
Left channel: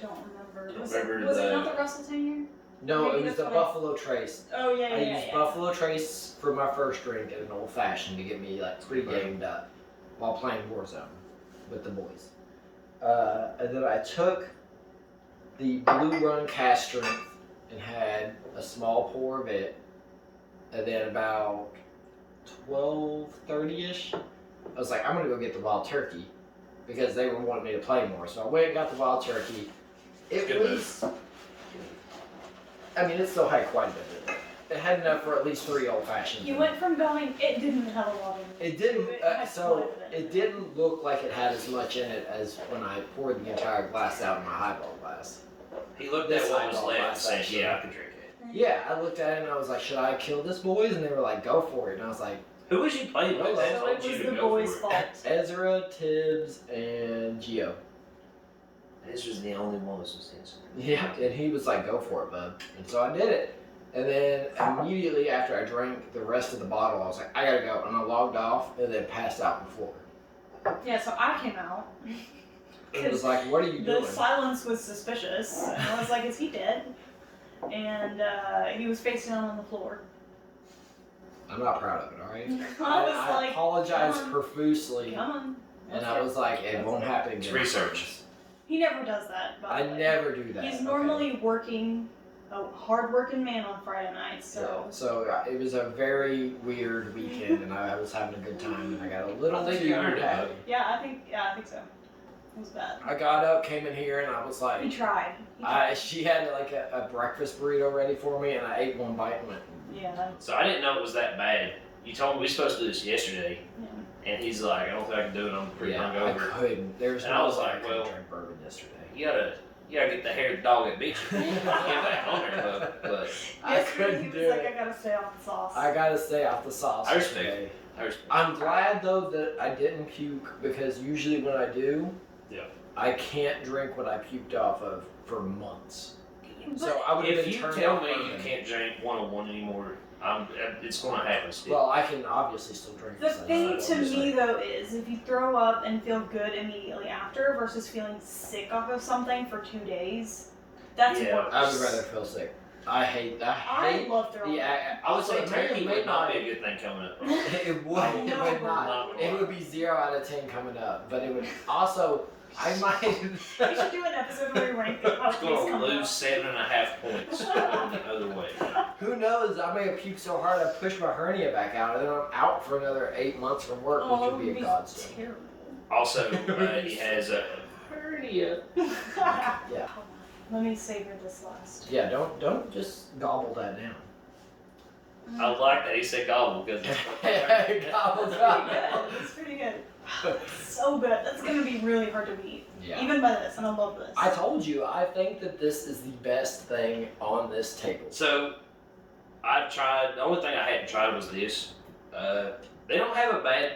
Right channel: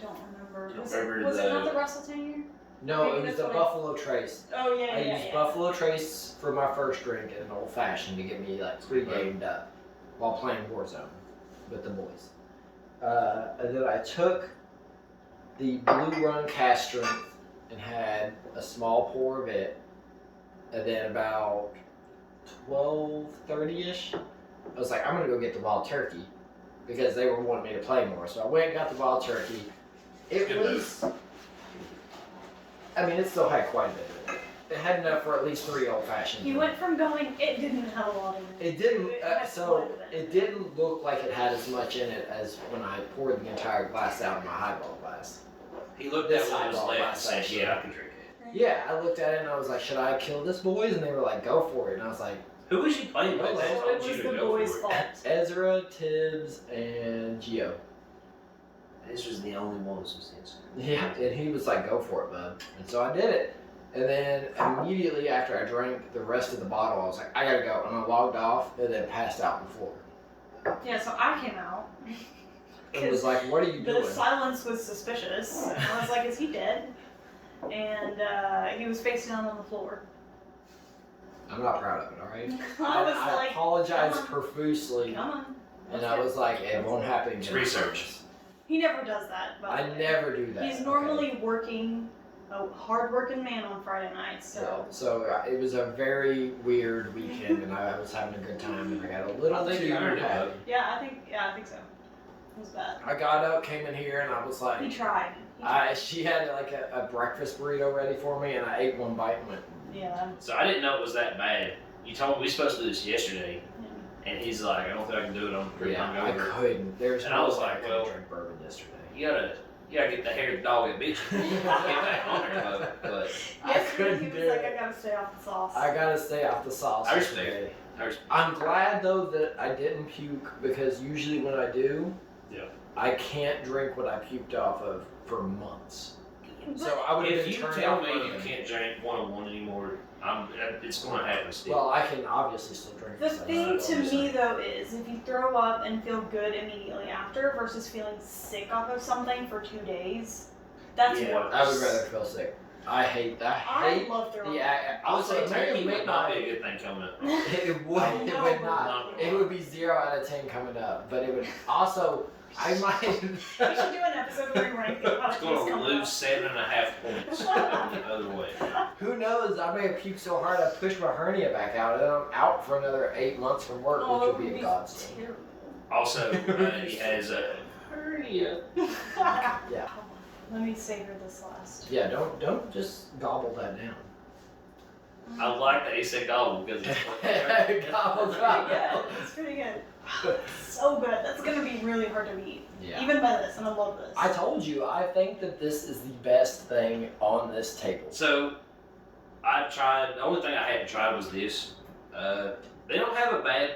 don't remember. Don't Was remember it not the- the Russell tenure? No, Maybe it was that's the what I- Buffalo Trace. Oh yeah, I yeah, used yeah. Buffalo Trace for my first drink and an old fashioned to get me like pre-gamed up while playing Warzone with the boys. And then I took the Blue Run cast strength and had a small pour of it, and then about 12:30ish, I was like, I'm gonna go get the Wild Turkey because they were wanting me to play more. So I went and got the Wild Turkey. It Good was. I mean, it still had quite a bit of it. It had enough for at least 3 old fashions. You went from going. It didn't have a lot in it. It didn't. It had So quite a bit. it didn't look like it had as much in it as when I poured the entire glass out in my highball glass. He looked This at what was Highball left and glass, said, actually. "Yeah, I can drink it." Yeah, I looked at it and I was like, "Should I kill this, boys?" And they were like, "Go for it." And I was like, Who was you playing with? So That So told it was you to the go boys' for it. fault. Ezra, Tibbs, and Gio. This was the only one with some sense. Yeah, and he was like, "Go for it, bud." And so I did it. And then immediately after I drank the rest of the bottle, I was like, "I gotta go," and I logged off and then passed out on the floor. Yeah, so I came out. It was like, "What are you The doing?" silence was suspicious. And I was like, "Is he dead?" And he was face down on the floor. I'm not proud of it. All right. I was I like, apologized come on. profusely, "Come on." and I was like, "It won't happen It's again." research. He never does that. By I the way. never do that. He's okay? normally working a hard-working man on Friday nights. So it was a very weird weekend, and I was having a good time, and I got a little I think too you earned it, happy. though. yeah, I think so. It was bad. I got up, came in here, and I was He like, tried. she had like a breakfast burrito ready for me, and I ate one bite and went, Yeah. So I didn't know it was that bad. You told me we were supposed to do this yesterday, Yeah. and he's like, I don't think I can do it. I'm pretty yeah, I hungover. couldn't. There's And I no was way I like, couldn't well, drink bourbon yesterday. You gotta get the haired dog that beat you. Get back on there, but I couldn't he do was like, it. I gotta stay off the sauce. I gotta stay off the sauce. I respect today. I respect. I'm glad though that I didn't puke, because usually when I do, I can't drink what I puked off of for months. So I would have If been you turned tell off me you bourbon. can't drink 101 anymore, it's gonna happen still. Well, I can obviously still drink. The this, I thing know to what I'm me saying. though is if you throw up and feel good immediately after versus feeling sick off of something for 2 days, that's Yeah, worse. I would rather feel sick. I hate. I love throwing up. I would say turkey maybe would not be a good thing coming up. It would. Oh, It no, would but not. not. It would be 0 out of 10 coming up, but it would also. I might. We should do an episode where we rank how It's it tastes gonna coming lose up. 7.5 points going the other way. Who knows? I may have puked so hard I pushed my hernia back out, and then I'm out for another 8 months from work, Oh, which would be that a godsend. terrible. Also, he has a hernia. Yeah. Let me savor this last. Yeah. Don't just gobble that down. I like that he said gobble because it's Gobble, It's pretty gobble. good. It's pretty good. So good. That's gonna be really hard to beat. Yeah. Even by this, and I love this. I told you, I think that this is the best thing on this table. So, I've tried. The only thing I hadn't tried was this. They don't have a bad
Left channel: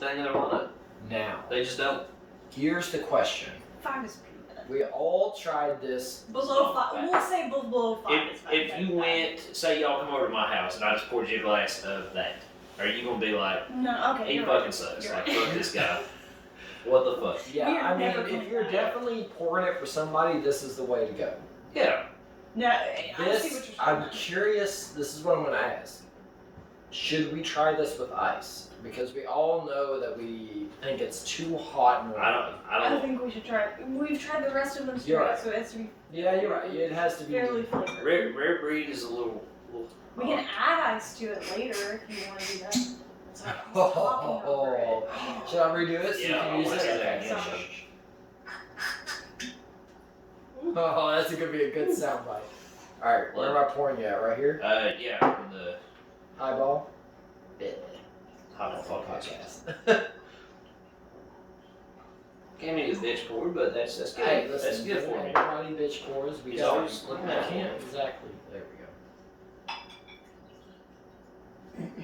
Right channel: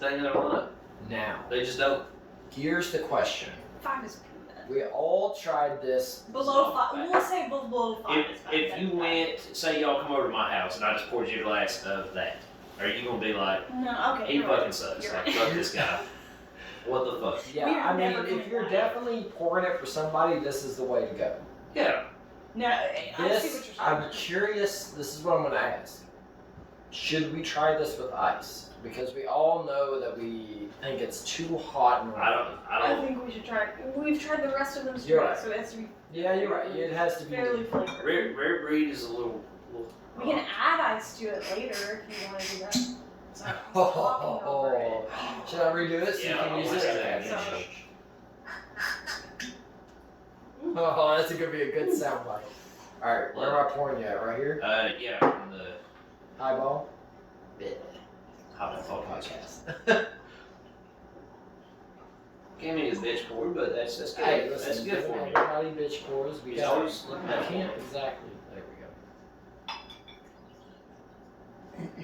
thing that I want. Now, They just don't. here's the question. 5 is pretty good. We all tried this. Below 5. We'll say below 5 is not If bad. you went, say y'all come over to my house and I just poured you a glass of that, are you gonna be like, No, okay. he You're fucking right. sucks? You're Like, right. fuck this guy. What the fuck? Yeah, We are I mean, never if coming you're back. definitely pouring it for somebody, this is the way to go. Yeah. No, I see what This, you're saying. I'm curious, this is what I'm going to ask. Should we try this with ice? Because we all know that we think it's too hot and I I don't. think we should try it. We've tried the rest of them straight, You're right. so it has to be Yeah, you're right. It has to be. fairly flavored. Rare breed is a little. We can add ice to it later if you want to do that. Sorry, I'm Oh, talking over it. should I redo it so you Yeah, can I'll use watch it? that. Okay. Sorry. Oh, that's gonna be a good soundbite. All right, where am I pouring you at? Right here. Yeah, in the Highball. Highball Podcast. Can't make a bitch pour, but that's good. Hey, That's listen, good for me. everybody bitch pours. We He's got. always looking I out. can't exactly. There we go.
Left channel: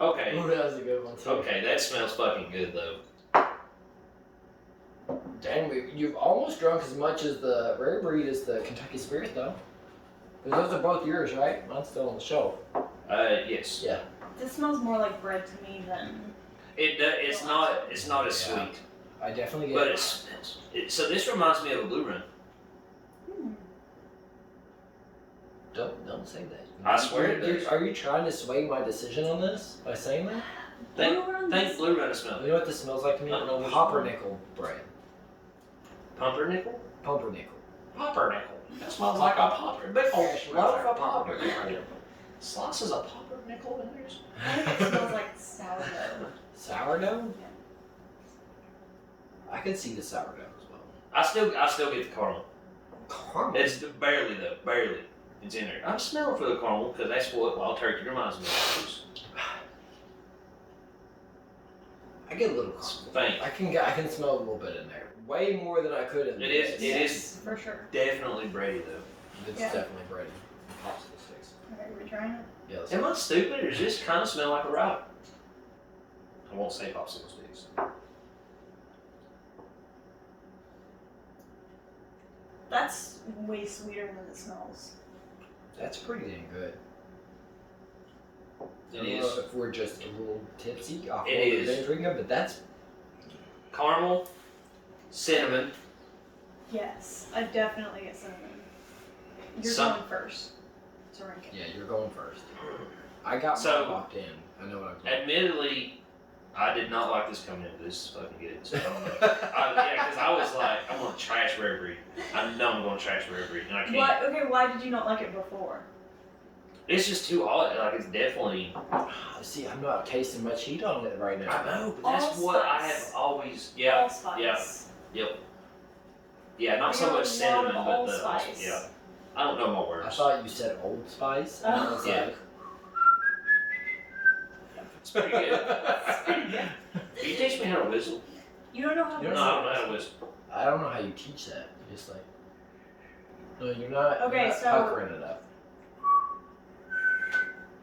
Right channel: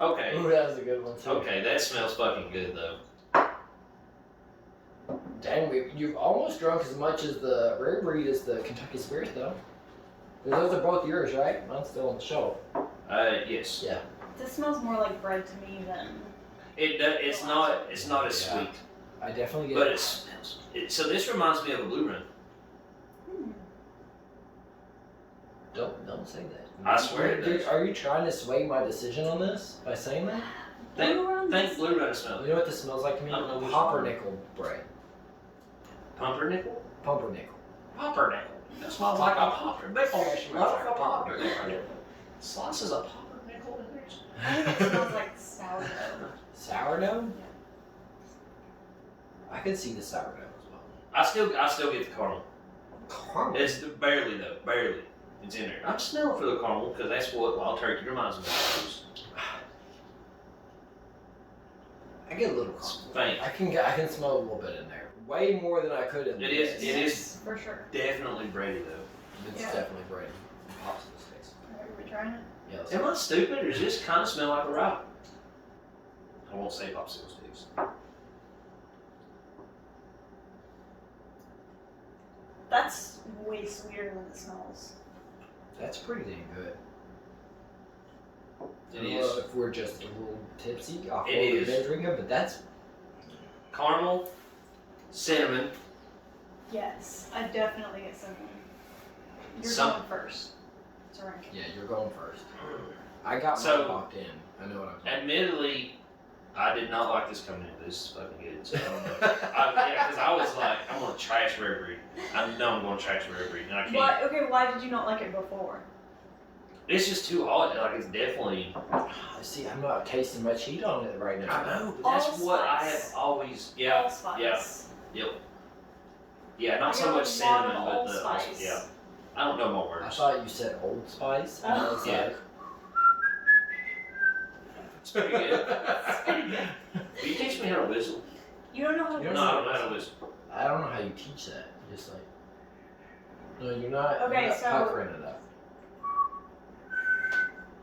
Okay. Ooh, that was a good one too. Okay, that smells fucking good though. Dang, you've almost drunk as much as the Rare Breed as the Kentucky Spirit, though. 'Cause those are both yours, right? Mine's still on the shelf. Yes. Yeah. This smells more like bread to me than. It's not as Yeah. sweet, I definitely get but it smells. So this reminds me of a Blue Run. Don't say that. I swear it does. Are you trying to sway my decision on this by saying that? Think Blue Run Blue Run smell. You know what this smells like to me? I don't know which Pumpernickel bread. Pumpernickel? Pumpernickel. Pumpernickel. That smells like a pumpernickel. Fresh Love roast a pumpernickel. pumpernickel. Slices of pumpernickel in there. I think it smells like sourdough. Sourdough? I could see the sourdough as well. I still get the caramel. Caramel. It's barely though, barely. It's in there. I'm smelling for the caramel because that's what wild turkey reminds me of. I get a little It's caramel. faint. I can smell a little bit in there. Way more than I could in It this. is For sure. definitely bready though. It's Yeah. definitely bready. Popsicle sticks. Alright, we're trying it. Yeah, let's Am I stupid or does this kind of smell like a rock? I won't say popsicle sticks. That's way sweeter than it smells. That's pretty dang good. It I don't is. know if we're just a little tipsy off It what we've is. been drinking, but that's Caramel, cinnamon. Yes, I definitely get something. You're Some- going first. It's a ranking. yeah. You're going first. I got So- mine locked in. I know what I'm talking. Admittedly, I did not like this coming in. This is fucking good. So I don't know. Because I was like, I'm gonna trash Rare Breed. I know I'm gonna trash Rare Breed, and I can't. Why? Okay, why did you not like it before? It's just too hot. Like it's definitely. See, I'm not tasting much heat on it right now. I know, but that's what I have always. Yeah. Allspice. Yeah. Yeah. Not so much cinnamon, but the. Allspice. Yeah. I don't know my words. I thought you said Old Spice. And I was Yeah. like, It's pretty good. Will you teach me how to whistle? You don't know how to You No, don't I whistle? don't know how to whistle. I don't know how you teach that. You're just like, no, you're not. Okay, you're not so- puckering it up.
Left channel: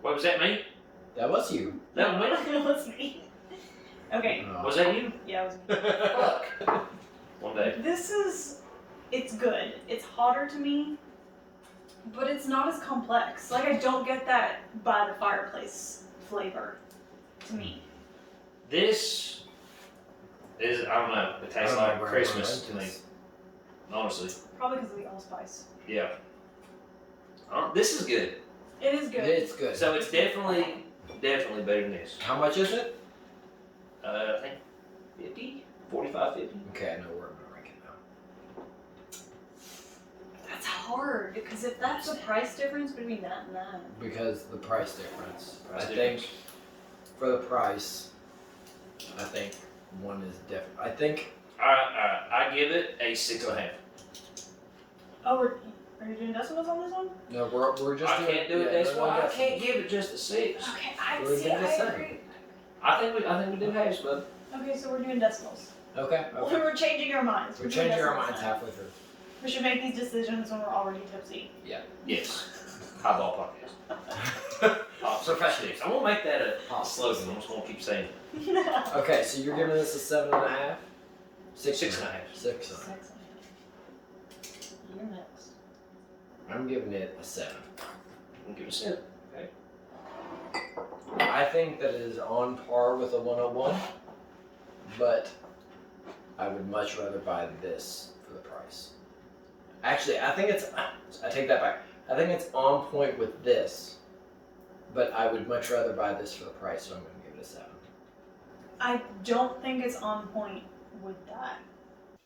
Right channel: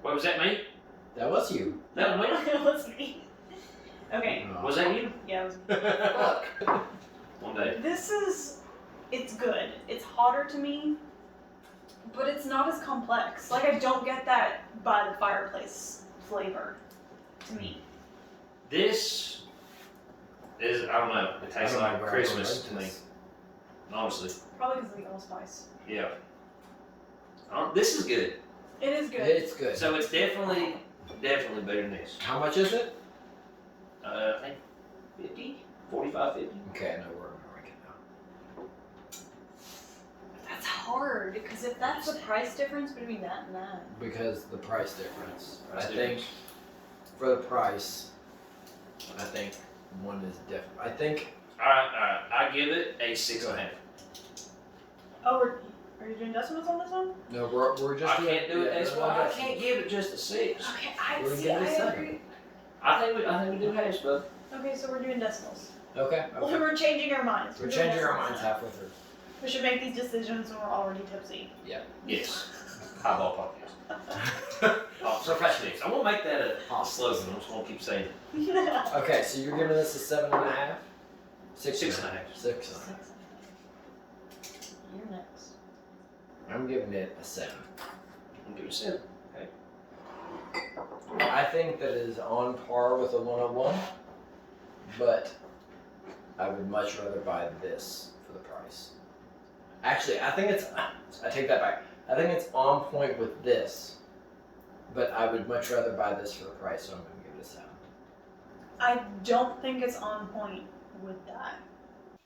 What was that me? That was you. That was me? It was me. Okay. Oh. Was that you? Yeah, it was me. Fuck. One day. It's good. It's hotter to me, but it's not as complex. Like, I don't get that by the fireplace flavor to me. This is, I don't know, it I tastes don't know like where I Christmas learned to me. this. Honestly. Probably because of the allspice. Yeah. This is good. It is good. It's good. So it's definitely better than this. How much is it? I think 50? 45, 50? Okay, I know where I'm gonna rank it now. That's hard, because if that's the price difference between that and that. Because the price difference. Price I difference. think for the price, I think one is different. I think Alright. I give it a 6.5. Oh, are you doing decimals on this one? no, we're just I doing. can't do it this no way. I decimals. can't give it just a 6. Okay, I We're see. giving it I 7. agree. I think we do halves, bud. Okay, so we're doing decimals. Okay. Well, Okay. we're changing our minds. We're doing changing our decimals minds now. halfway through. We should make these decisions when we're already tipsy. Yes. Highball podcast. Professionals. I won't make that a slogan. I'm just gonna keep saying it. Okay, so you're giving this a 7.5. 6.5. 6.5. You're next. I'm giving it a 7. I'll give it a 7. I think that it is on par with a 101, but I would much rather buy this for the price. Actually, I take that back. I think it's on point with this, but I would much rather buy this for the price, so I'm going to give it a 7. I don't think it's on point with that.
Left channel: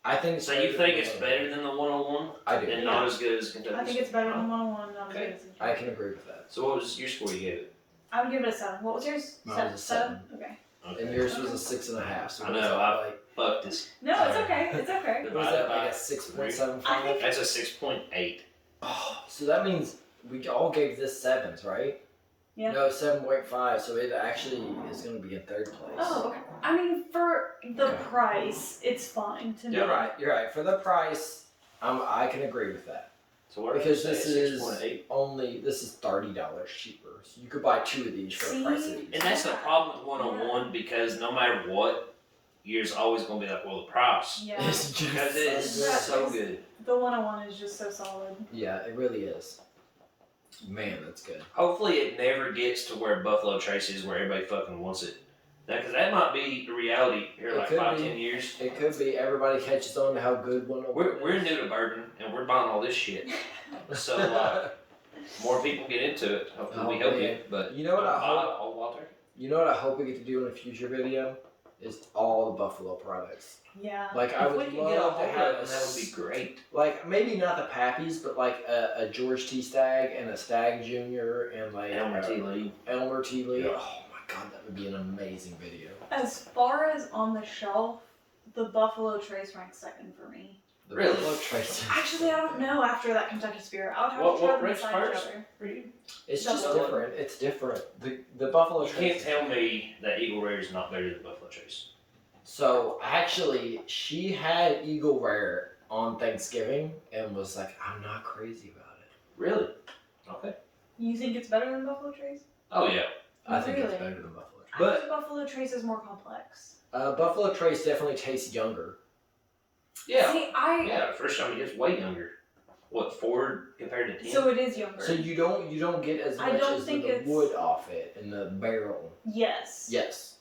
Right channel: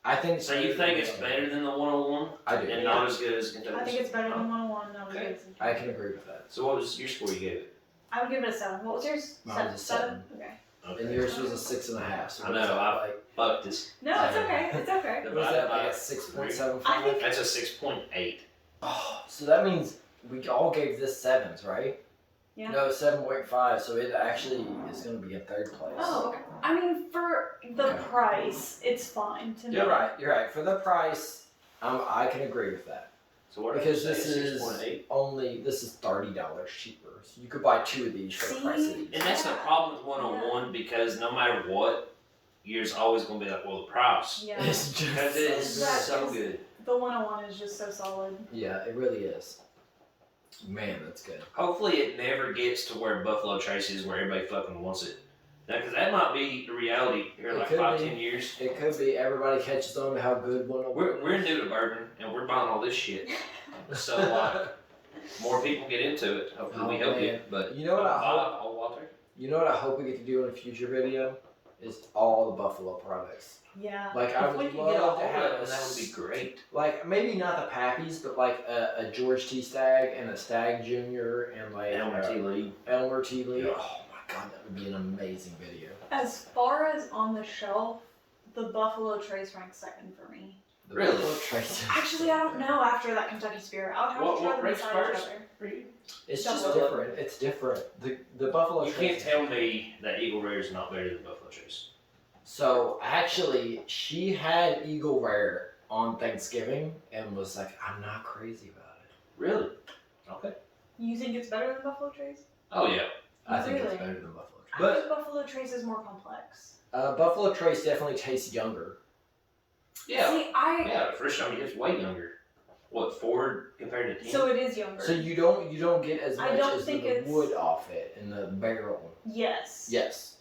I think So you think it's better than the 101 I do. and not as good as Kentucky? I think it's better than 101, not as Okay. good as I can agree with that. So what was your score you gave it? I would give it a 7. What was yours? Mine was a 7. Okay. And yours was a 6.5. So I what is know, that, like, Fuck this. No, it's okay. It's okay. what is that, like a 6.75? I think- That's a 6.8. Oh, so that means we all gave this 7s, right? Yeah. No, 7.5, so it actually is going to be in third place. Oh, okay. I mean, for the Okay. price, it's fine to me. You're right. For the price, I can agree with that. So what Because did I this say, is 6.8? this is $30 cheaper. So you could buy 2 of these for the price of See? these. And that's the problem with 101 because no matter what, you're always going to be like, well, the price. Yeah. It's just Because it is so good. so good. The 101 is just so solid. Yeah, it really is. Man, that's good. Hopefully it never gets to where Buffalo Trace is where everybody fucking wants it. Now, because that might be the reality here in It like could 5, be. 10 years. It could be everybody catches on to how good 101 We're new to bourbon and we're buying all this shit. So, more people get into it. Hopefully we Oh, help man. it. But You know what I hope? Old Walter? You know what I hope we get to do in a future video is all the Buffalo products. Yeah. Like I If we would can get a love hold to of have it, that would be great. Like maybe not the Pappies, but like a George T. Stagg and a Stagg Jr. and like Elmer T. Lee. Elmer T. Lee. Yeah. Oh my god, that would be an amazing video. As far as on the shelf, the Buffalo Trace ranks second for me. The Really? Buffalo Trace. Actually, I don't know after that Kentucky Spirit. I would have What to try them ranks beside each first other. for you? It's just Double. different. It's different. The Buffalo You Trace. can't tell me that Eagle Rare is not better than Buffalo Trace. So actually, she had Eagle Rare on Thanksgiving and was like, "I'm not crazy about it." Really? Okay. You think it's better than Buffalo Trace? Oh, yeah. I think it's Really? better than Buffalo Trace. I think Buffalo Trace is more complex. Buffalo Trace definitely tastes younger. Yeah. See, Yeah, first time it's way younger. What, 4 compared to 10? so it is younger. So you don't get as I much don't as think the it's- wood off it in the barrel. Yes. Yes.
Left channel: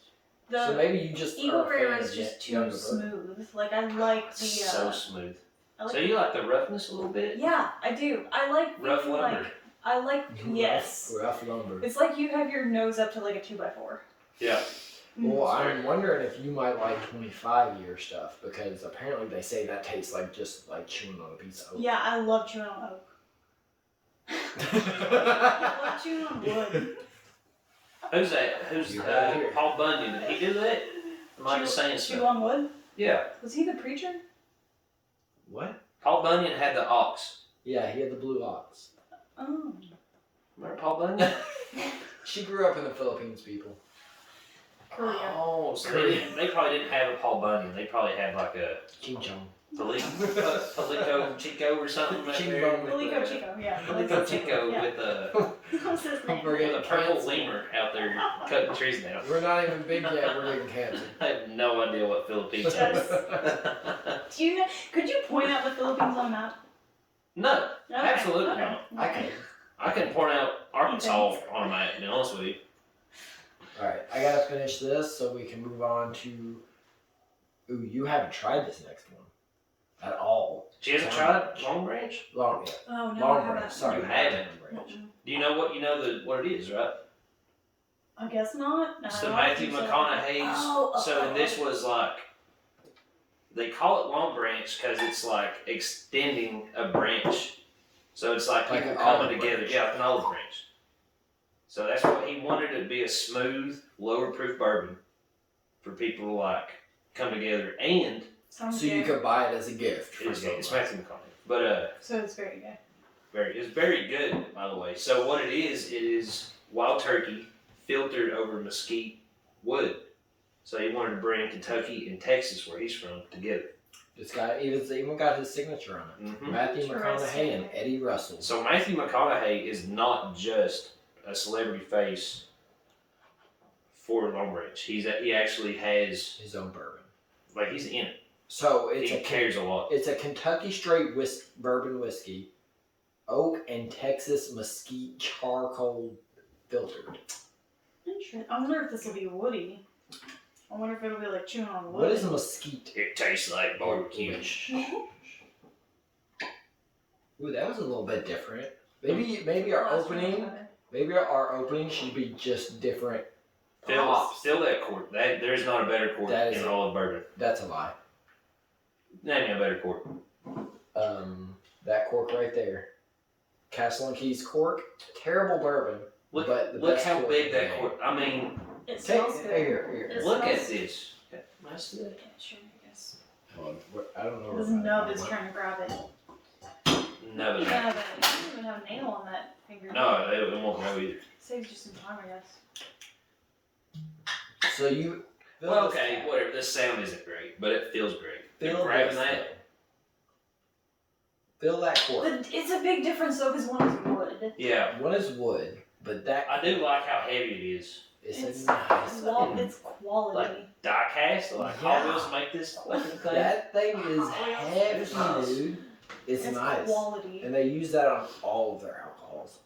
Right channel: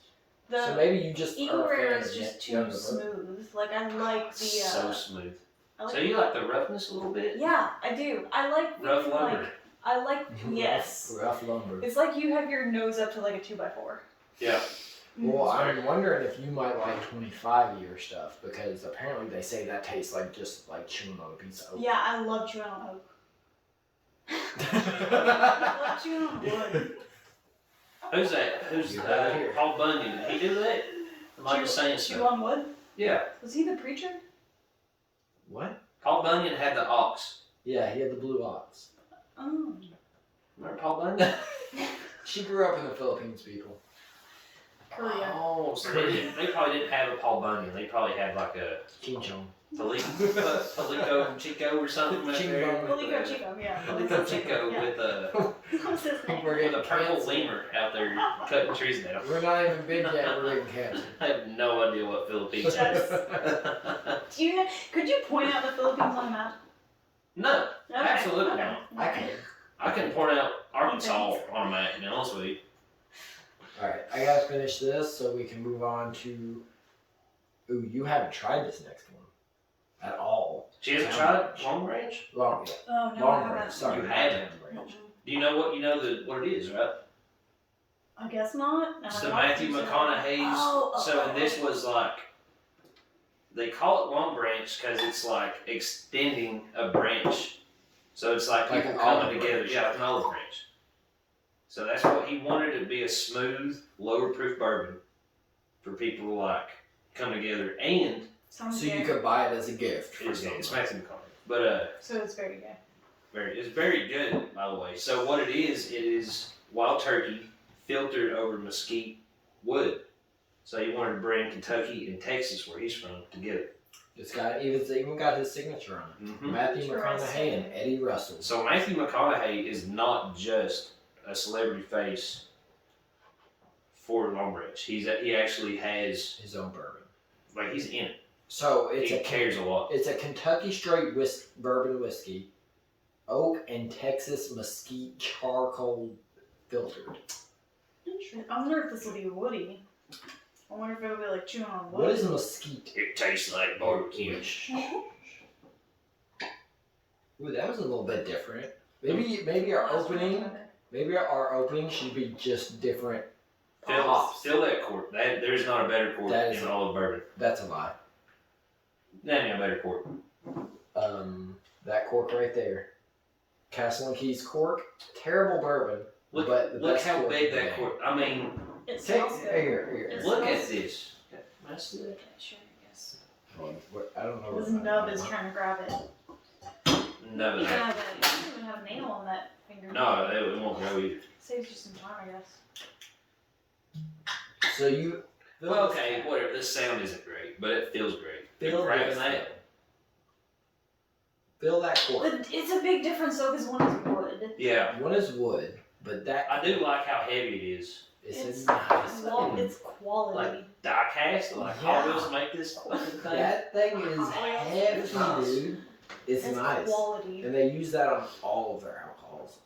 The So maybe you just Eagle are a Rare fan is of just too younger bourbon. smooth. Like I like the. so smooth. I like So you like the roughness a little bit? Yeah, I do. I like the Rough lumber. like. I like yes. Rough lumber. It's like you have your nose up to like a 2x4. Yeah. Well, I'm wondering if you might like 25-year stuff because apparently they say that tastes like just like chewing on a piece of oak. Yeah, I love chewing on oak. I love chewing on wood. Who's that? Who's You heard it here. Paul Bunyan? Did he do that? Am I just saying Chew stuff? on wood? Yeah. Was he the preacher? What? Paul Bunyan had the ox. Yeah, he had the blue ox. Oh. Remember Paul Bunyan? She grew up in the Philippines, people. Korea. Oh, so Korea. they probably didn't have a Paul Bunyan. They probably had like a King Chong. Palico Chico or something. Ching there bong. with Palico the- Chico, yeah. Palico Chico Yeah. with a What's his name? We're getting with a purple canceled. lemur out there cutting trees down. We're not even big yet. We're getting canceled. I have no idea what Philippines is. Do you know? Could you point out the Philippines on a map? No, Okay, absolutely okay. not. I can. I can point out Arkansas on a map, to be honest with you. Alright, I gotta finish this so we can move on to. Ooh, you haven't tried this next one. At all. She hasn't tried Long Branch? Long, Oh no, long I haven't. branch. Sorry, You haven't. long branch. Do you know what it is, right? I guess not. No, It's I the don't Matthew think so. McConaughey's. Oh, So and this was like, they call it Long Branch because it's like extending a branch. So it's like Like people an olive coming together, branch. yeah, like an olive branch. So that's what he wanted it to be, a smooth, lower proof bourbon for people to like come together, and Sounds So you good. could buy it as a gift. For it's someone. Matthew McConaughey. But So it's very good. it's very good, by the way. So what it is wild turkey filtered over mesquite wood. So he wanted to bring Kentucky and Texas, where he's from, together. It's even got his signature on it. Mhm. Matthew McConaughey and Eddie Russell. So Matthew McConaughey is not just a celebrity face for Long Branch. He actually has, His own bourbon. like, he's in it. So it's He cares a lot. It's a Kentucky straight bourbon whiskey, oak and Texas mesquite charcoal filtered. Interesting. I wonder if this will be woody. I wonder if it'll be like chewing on wood. What is mesquite? It tastes like barbecue. Ooh, that was a little bit different. Maybe our opening should be just different. Still that cork. There's not a better cork That is in all of bourbon. That's a lie. That ain't a better cork. That cork right there, Castle and Keys cork, terrible bourbon. Look, but the look best how cork big in the that game. cork. I mean, It Take, smells good. here. It look smells- at this. Can I see that? Okay, sure, I guess. Hold on, I don't know. This where my- nub is trying to grab it. No, You but have it. You don't even have a nail on that finger. no, it won't go either. Saves you some time, I guess. So you. fill Well, this okay, cap. whatever. This sound isn't great, but it feels great. Fill And grabbing this that. thing. Fill that cork. But it's a big difference though, because one is wood. Yeah, One is wood, but that I do like how heavy it is. It's It's a nice. It's quality. Like die cast, like Yeah. Hot Wheels make this fucking thing. That thing is heavy, It's nice. dude. It's nice. quality. And they use that on all of their alcohols.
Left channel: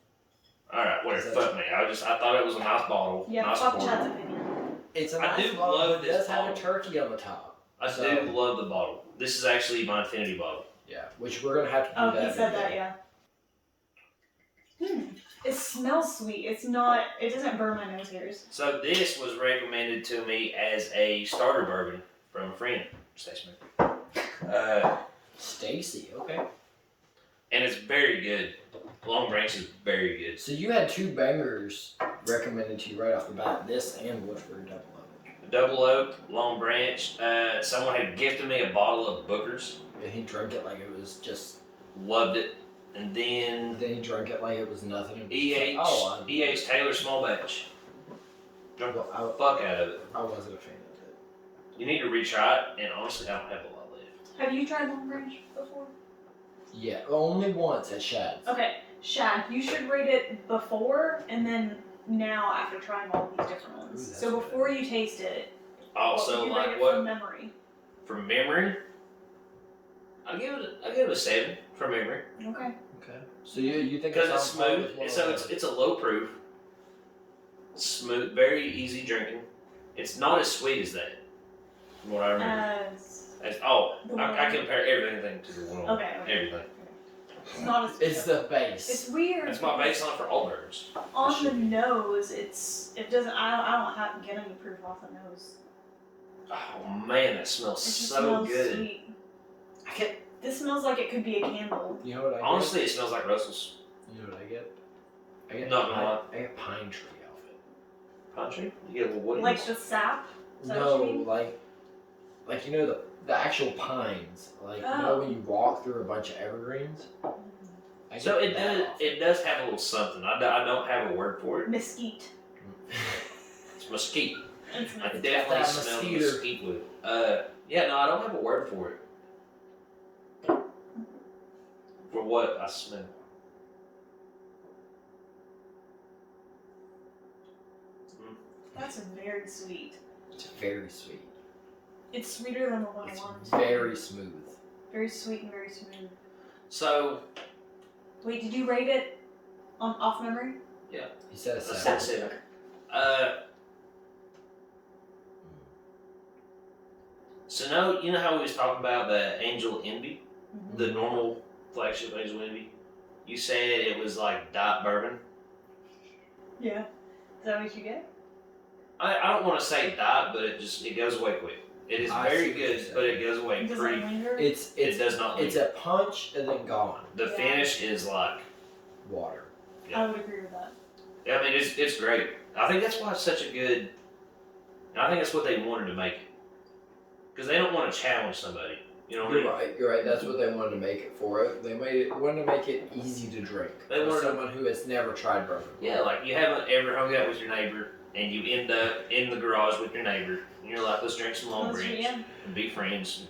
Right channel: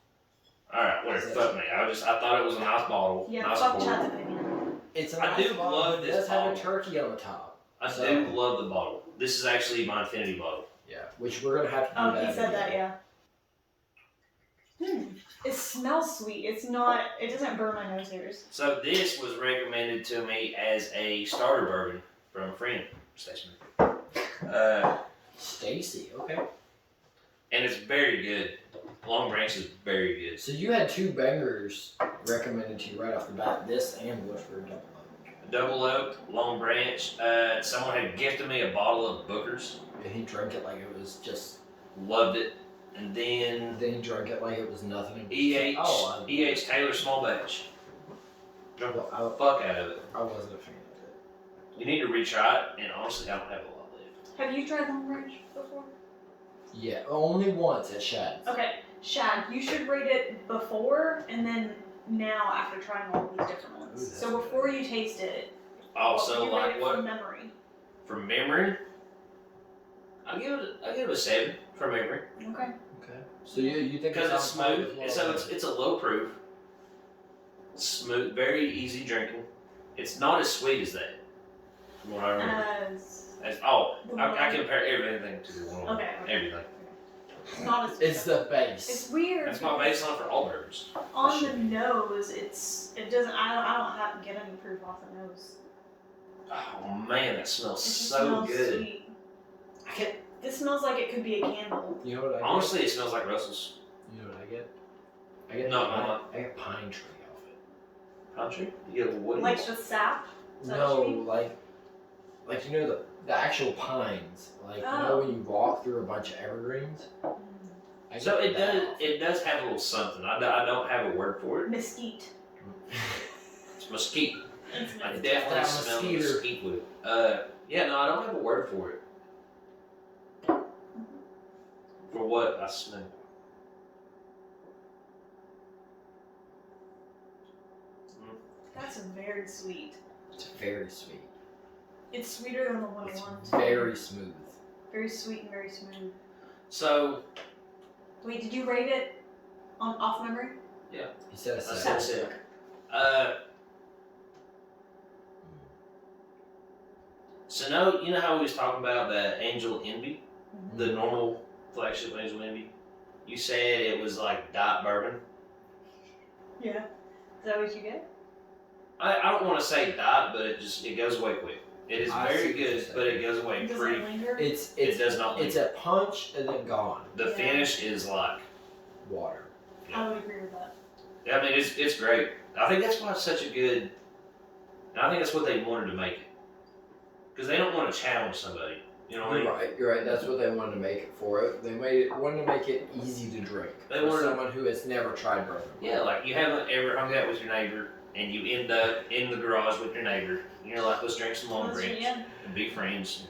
All right, whatever. Fuck me. I thought it was a nice bottle. Yeah, nice fuck pour. Chad's opinion. It's a I nice do bottle. love It this does have a bottle. turkey on the top. I So- do love the bottle. This is actually my infinity bottle. Yeah, which we're gonna have to do Oh, that. he said video. that, yeah. It smells sweet. It doesn't burn my nose hairs. So this was recommended to me as a starter bourbon from a friend, Stacy. Stacy, okay. And it's very good. Long Branch is very good. So you had two bangers recommended to you right off the bat. This and Woodford Double Oak. Double Oak, Long Branch. Someone had gifted me a bottle of Booker's. And he drank it like it was just. Loved it. And then Then he drank it like it was nothing. It was EH, just like, oh, EH Taylor Small Batch. Drunk the Well, fuck out of it. I wasn't a fan of it. You need to retry it, and honestly, I don't have a lot left. Have you tried Long Branch before? Yeah, only once at Shad's. Okay, Shad, you should rate it before and then now after trying all these different Ooh, ones. that's So good. before you taste it, Also, you like rate it what? from memory. From memory, I'll give it a 7 from memory. Okay. Okay. So you think Because it's it's on par smooth, with so Long it's a low proof, smooth, very easy drinking. It's not as sweet as that, from what I remember. I compare everything to the one. Okay. Everything. It's not as. It's the base. It's weird. That's my baseline for all bourbons. On the nose, it doesn't. I don't have to get any proof off the nose. Oh man, that smells It just so smells good. sweet. I get. This smells like it could be a candle. You know what I get? Honestly, it smells like Russell's. You know what I get? I get Not gonna lie. I get pine tree off it. Pine tree? You get a little woody. Like the sap. Is that No, what you mean? like you know the actual pines. Like you know when you walk through a bunch of evergreens. I So get it that does. off. It does have a little something. I don't have a word for it. Mesquite. It's mesquite. It's I mesquite. definitely that smell mesquite. mesquite with it. Yeah, no, I don't have a word for it. For what I smell. That's very sweet. It's very sweet. It's sweeter than the It's 101. very smooth. Very sweet and very smooth. So Wait, did you rate it off memory? He said a I seven. said seven. So no, you know how we was talking about the Angel Envy, Mm-hmm. the normal flagship Angel Envy. You said it was like diet bourbon. Yeah. Is that what you get? I don't want to say diet, but it goes away quick. It is I very see what you're good, saying. but it goes away Does it pretty. linger? It does not. It's leave. a punch and then gone. The Yeah. finish is like. Water. I would agree with that. I mean, it's great. I think that's why it's such a good. I think that's what they wanted to make it, because they don't want to challenge somebody. You know what I mean? You're right. You're right. That's what they wanted to make it for. They wanted to make it easy to drink. They for wanted- someone who has never tried bourbon. Yeah, like you haven't ever hung out with your neighbor, and you end up in the garage with your neighbor, and you're like, let's drink some Long Branch Yeah. and be friends,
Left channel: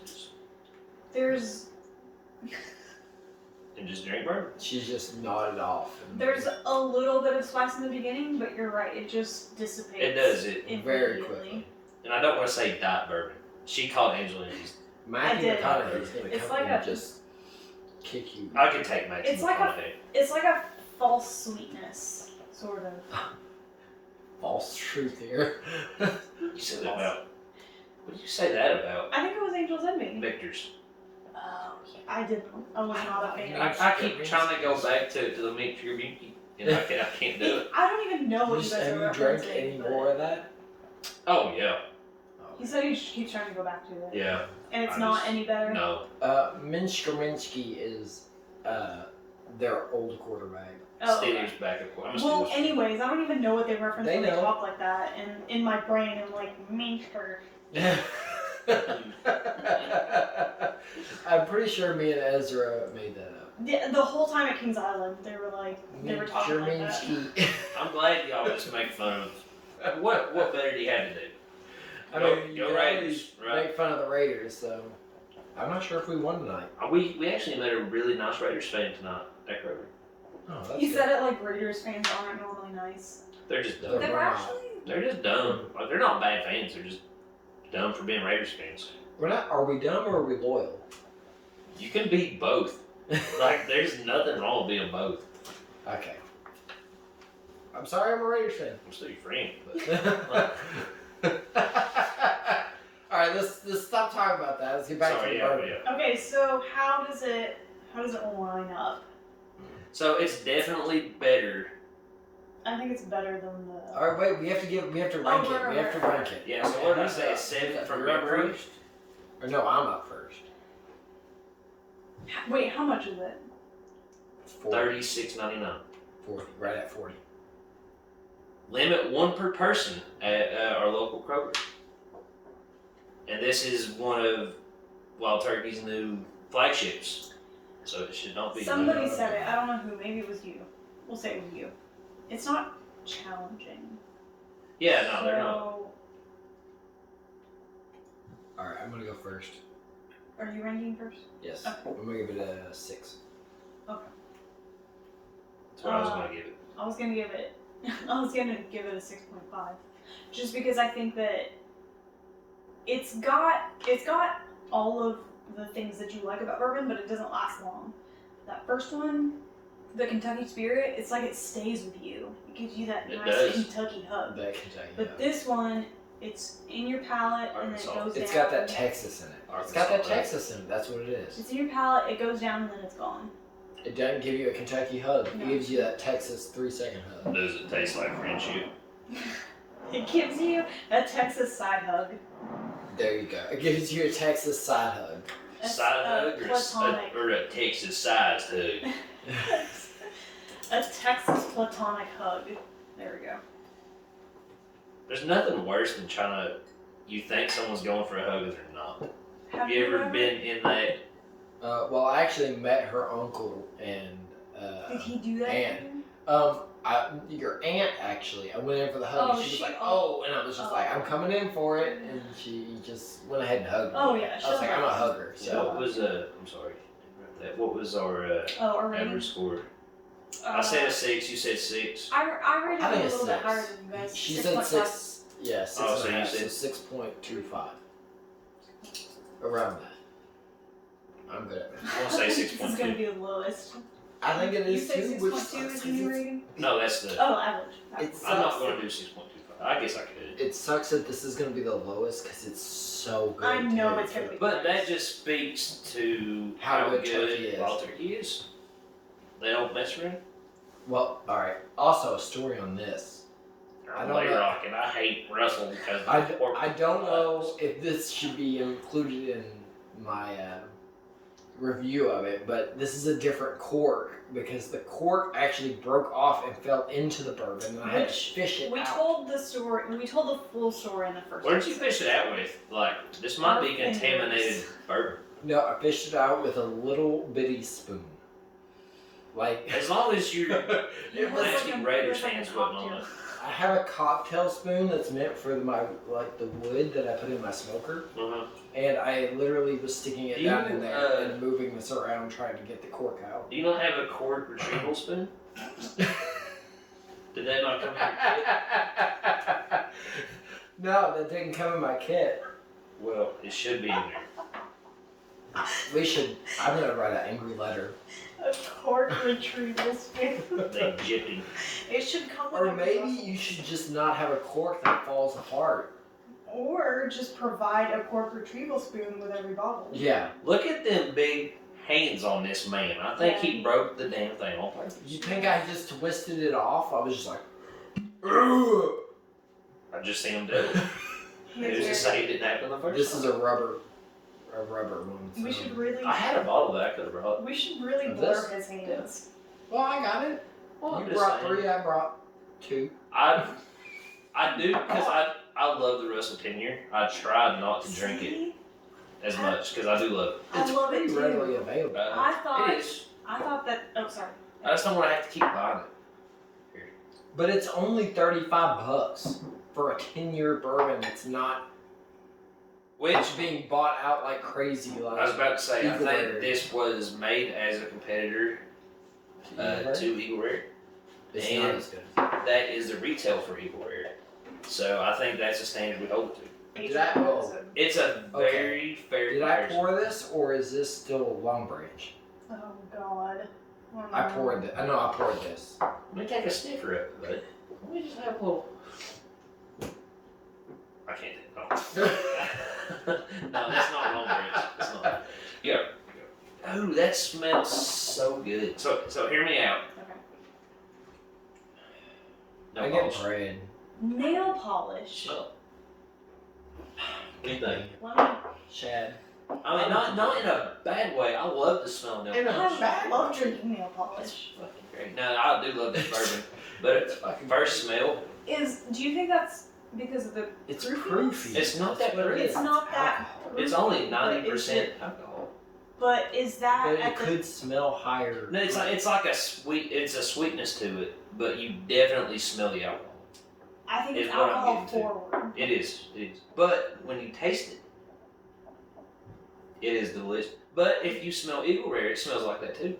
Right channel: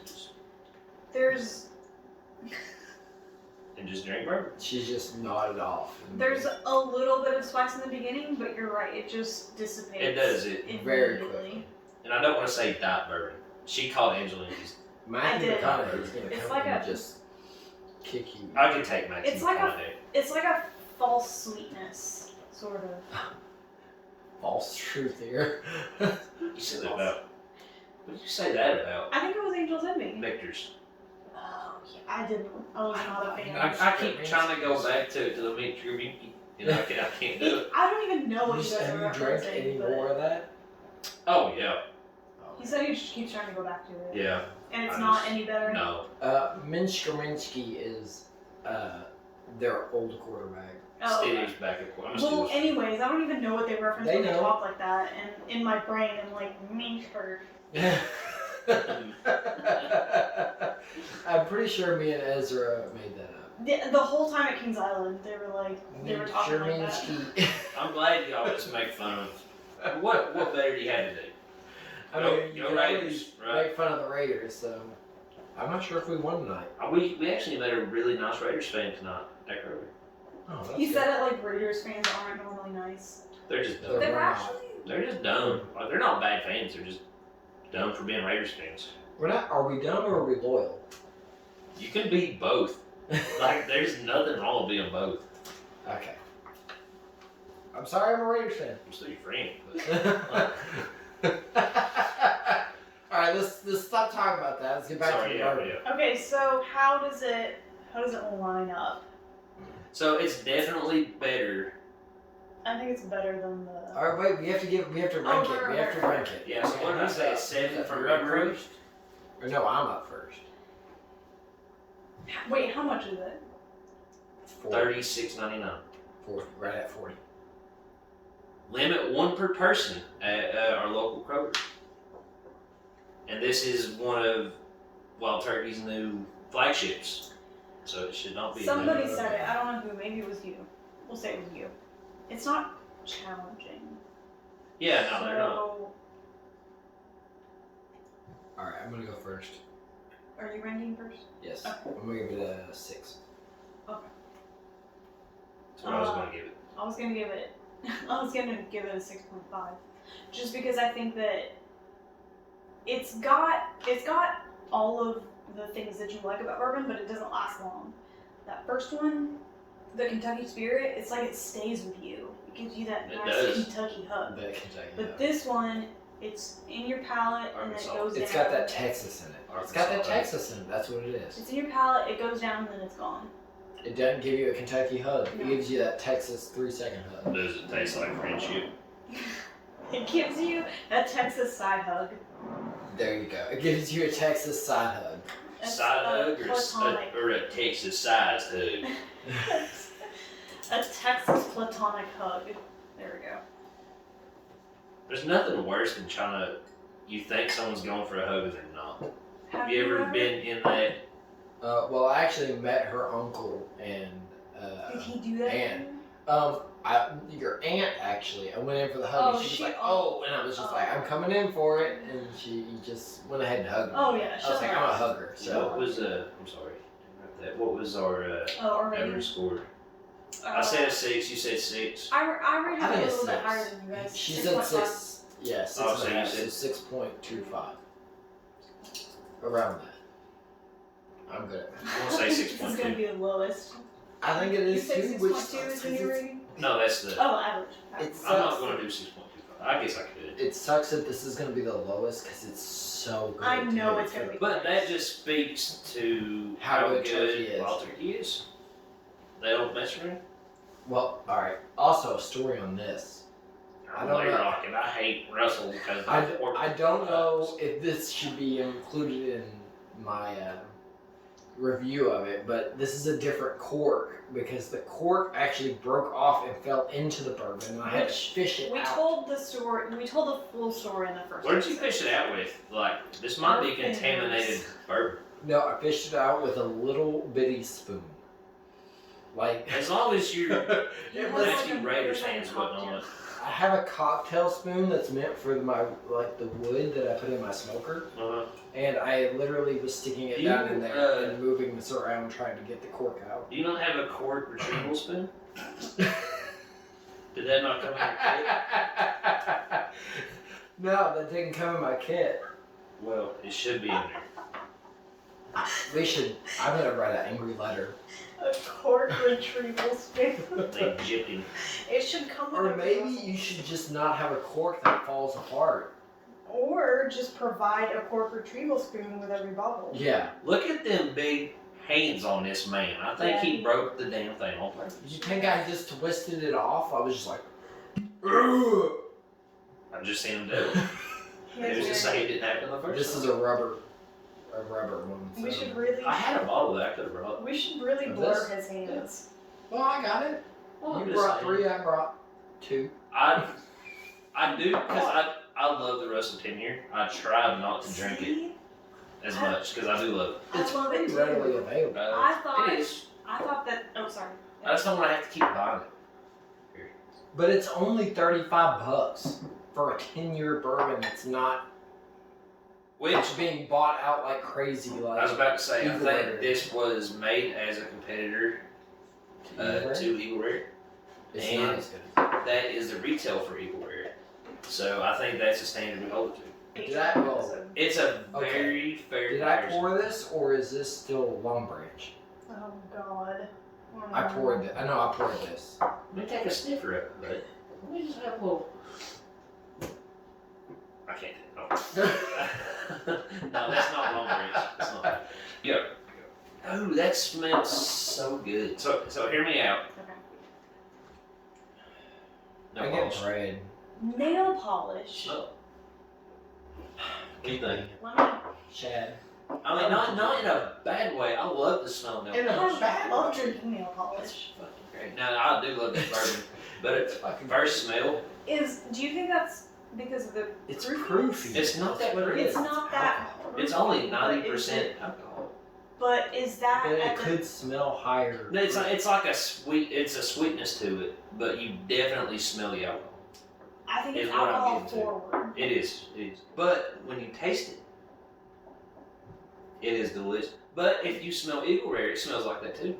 There's and just drink bourbon. She's just nodded off. There's a little bit of spice in the beginning, but you're right. It just dissipates. It does it, very immediately. quickly. and I don't want to say diet bourbon. She called Angela Envy's. Matthew I did. McConaughey is going to It's come like and a- just kick you. I could take Matthew It's like McConaughey. It's like a false sweetness, sort of. False truth here. You said that about. What did you say that about? I think it was Angel's Envy. Victor's. Oh, yeah, I didn't. I was not a fan. I keep trying to go back to the meat tribute, and I can't do it. I don't even know what you guys Have are you drank referencing, any but more of that? Oh yeah, he said he just keeps trying to go back to it. yeah. And it's I not just- any better. No. Minsk is their old quarterback. Oh, okay. Steelers back at I'm a Well, Steelers fan. anyways, I don't even know what they reference They when they know. talk like that, and in my brain, I'm like, Minsker. I'm pretty sure me and Ezra made that up. The whole time at Kings Island, they were talking like that. Minsky. I'm glad y'all just make fun of. What better do you have to do? I Go- mean, you go can Raiders, always right? make fun of the Raiders, so I'm not sure if we won tonight. We actually met a really nice Raiders fan tonight at Kirby. Oh, that's You good. said it like Raiders fans aren't normally nice. They're just dumb. They're They were not. actually. They're just dumb. Like, they're not bad fans. They're just dumb for being Raiders fans. We're not. Are we dumb or are we loyal? You can be both. Like, there's nothing wrong with being both. Okay. I'm sorry, I'm a Raiders fan. I'm still your friend, but All right, let's stop talking about that. Let's get back to sorry, the yeah, bourbon. yeah. Okay, so how does it line up? So it's definitely better. I think it's better than the. All right, wait. We have to rank it. We have to rank it. Yeah. So what did I say? 7 from You're up memory. first. Or no, I'm up first. Wait, how much is it? 36.99. 40, right at 40. Limit 1 per person at our local Kroger. And this is one of Wild Turkey's new flagships, so it should not be. Somebody said it. I don't know who. Maybe it was you. We'll say it was you. It's not challenging. Yeah, no, they're not. So, All right, I'm gonna go first. are you ranking first? Yes, Okay. I'm gonna give it a 6. That's what I was going to give it. I was gonna give it. I was gonna give it a 6.5, just because I think that it's got all of the things that you like about bourbon, but it doesn't last long. That first one, the Kentucky Spirit, it's like it stays with you. It gives you that It nice does. Kentucky hug. That Kentucky. But this one, it's in your palate and then it Arkansas. goes down. It's got that Texas in it. It's got that Arkansas, right? Texas in it. That's what it is. It's in your palate, it goes down, and then it's gone. It doesn't give you a Kentucky hug. No. It gives you that Texas 3-second hug. Does it taste like friendship? It gives you a Texas side hug. There you go. It gives you a Texas side hug. Side hug platonic. or a Texas sized hug? A Texas platonic hug. There we go. There's nothing worse than you think someone's going for a hug and they're not. Have you ever been in that? Well, I actually met her uncle and Did he do that? aunt. Your aunt actually. I went in for the hug Oh, and she was like, "Oh," and I was just like, "I'm coming in for it," and she just went ahead and hugged me. Oh yeah. I was like, "I'm a hugger." So What was I'm sorry. What was our our average rating. score? I said a 6. You said 6. I rated I it a think little it's bit 6. higher than you guys. She said 6.5. 6. Yeah, 6 Oh, so and a you half, said- so 6.25. Around that. I'm good at math. I want to say This is gonna 6.2. be the lowest. I think it You is say too. Which 6.2 is sucks the new 'cause rating? No, that's the. Oh, average. it I'm not sucks. going to do 6.25. I guess I could. It sucks that this is going to be the lowest because it's so good. I know dude. it's gonna be. But that just speaks to How good turkey is. Wild Turkey is. They don't mess around. Well, all right. Also, a story on this. I I'm don't know. rocking. I hate Russel because I don't know if this should be included in my review of it, but this is a different cork because the cork actually broke off and fell into the bourbon, and I had to fish it We out. told the story. We told the full story in the first. What did you episode. fish it out with? Like, this might be Fingers. contaminated bourbon. No, I fished it out with a little bitty spoon. Like As long as you're it was. nasty Raiders fans wasn't on it. I have a cocktail spoon that's meant for my the wood that I put in my smoker, Uh-huh. and I literally was sticking it You, down in there and moving this around trying to get the cork out. Do you not have a cork retrieval spoon? Did that not come in your kit? No, that didn't come in my kit. Well, it should be in there. We should. I'm gonna write an angry letter. A cork retrieval spoon. They jipping. It should come with Or a maybe Russel. you should just not have a cork that falls apart. Or just provide a cork retrieval spoon with every bottle. Yeah. Look at them big hands on this man. I think Yeah, he he- broke the damn thing on purpose. You think I just twisted it off? I was just like, "Ugh." I just seen him do it. It was just like it didn't happen the first This time. is a rubber one. We so- should really. I had a bottle that I could have brought. We should really Of blur this? his hands. Well, I got it. Well, I'm You just brought saying. 3, I brought 2. I do because I love the Russell 10 year. I tried not to drink it See? as much because I do love it. I It's love pretty it too. readily available. I thought. It is. I thought that. Oh, sorry. I just don't want to have to keep buying it. But it's only $35 for a 10-year bourbon that's not Which being bought out like crazy. Like I was about to say, I Eagle think Rare. this was made as a competitor to Eagle Rare. It's and- not as good. That is the retail for Eagle Rare. So I think that's the standard we hold it to. Did I- well, It's a Okay. very fair Did I comparison. pour this, or is this still Long Branch? Oh God. I poured it. I know I poured this. Let me take a sniffer of it, bud. Let me just have a little. I can't do it. No. No, that's not Long Branch. That's not. Yeah. Oh, that smells so good. So hear me out. Okay. No I get polish. bread. Nail polish. Oh. What do you think? Let me. Shad. I mean, not in a bad way. I love the smell of nail In a polish. bad love way. drinking nail It's polish. fucking great. No, I do love this bourbon, but It's at fucking first smell, Do you think that's because of the? It's Proof? proofy. It's not That's that what it proof. is. It's not that. alcohol. it's only But is 90% it- alcohol. But is that But it at the? could smell higher. No, it's like a sweet. It's a sweetness to it, but you definitely smell the alcohol. I think is it's what I'm alcohol getting to. forward. It is. It is. But when you taste it, it is delicious. But if you smell Eagle Rare, it smells like that too.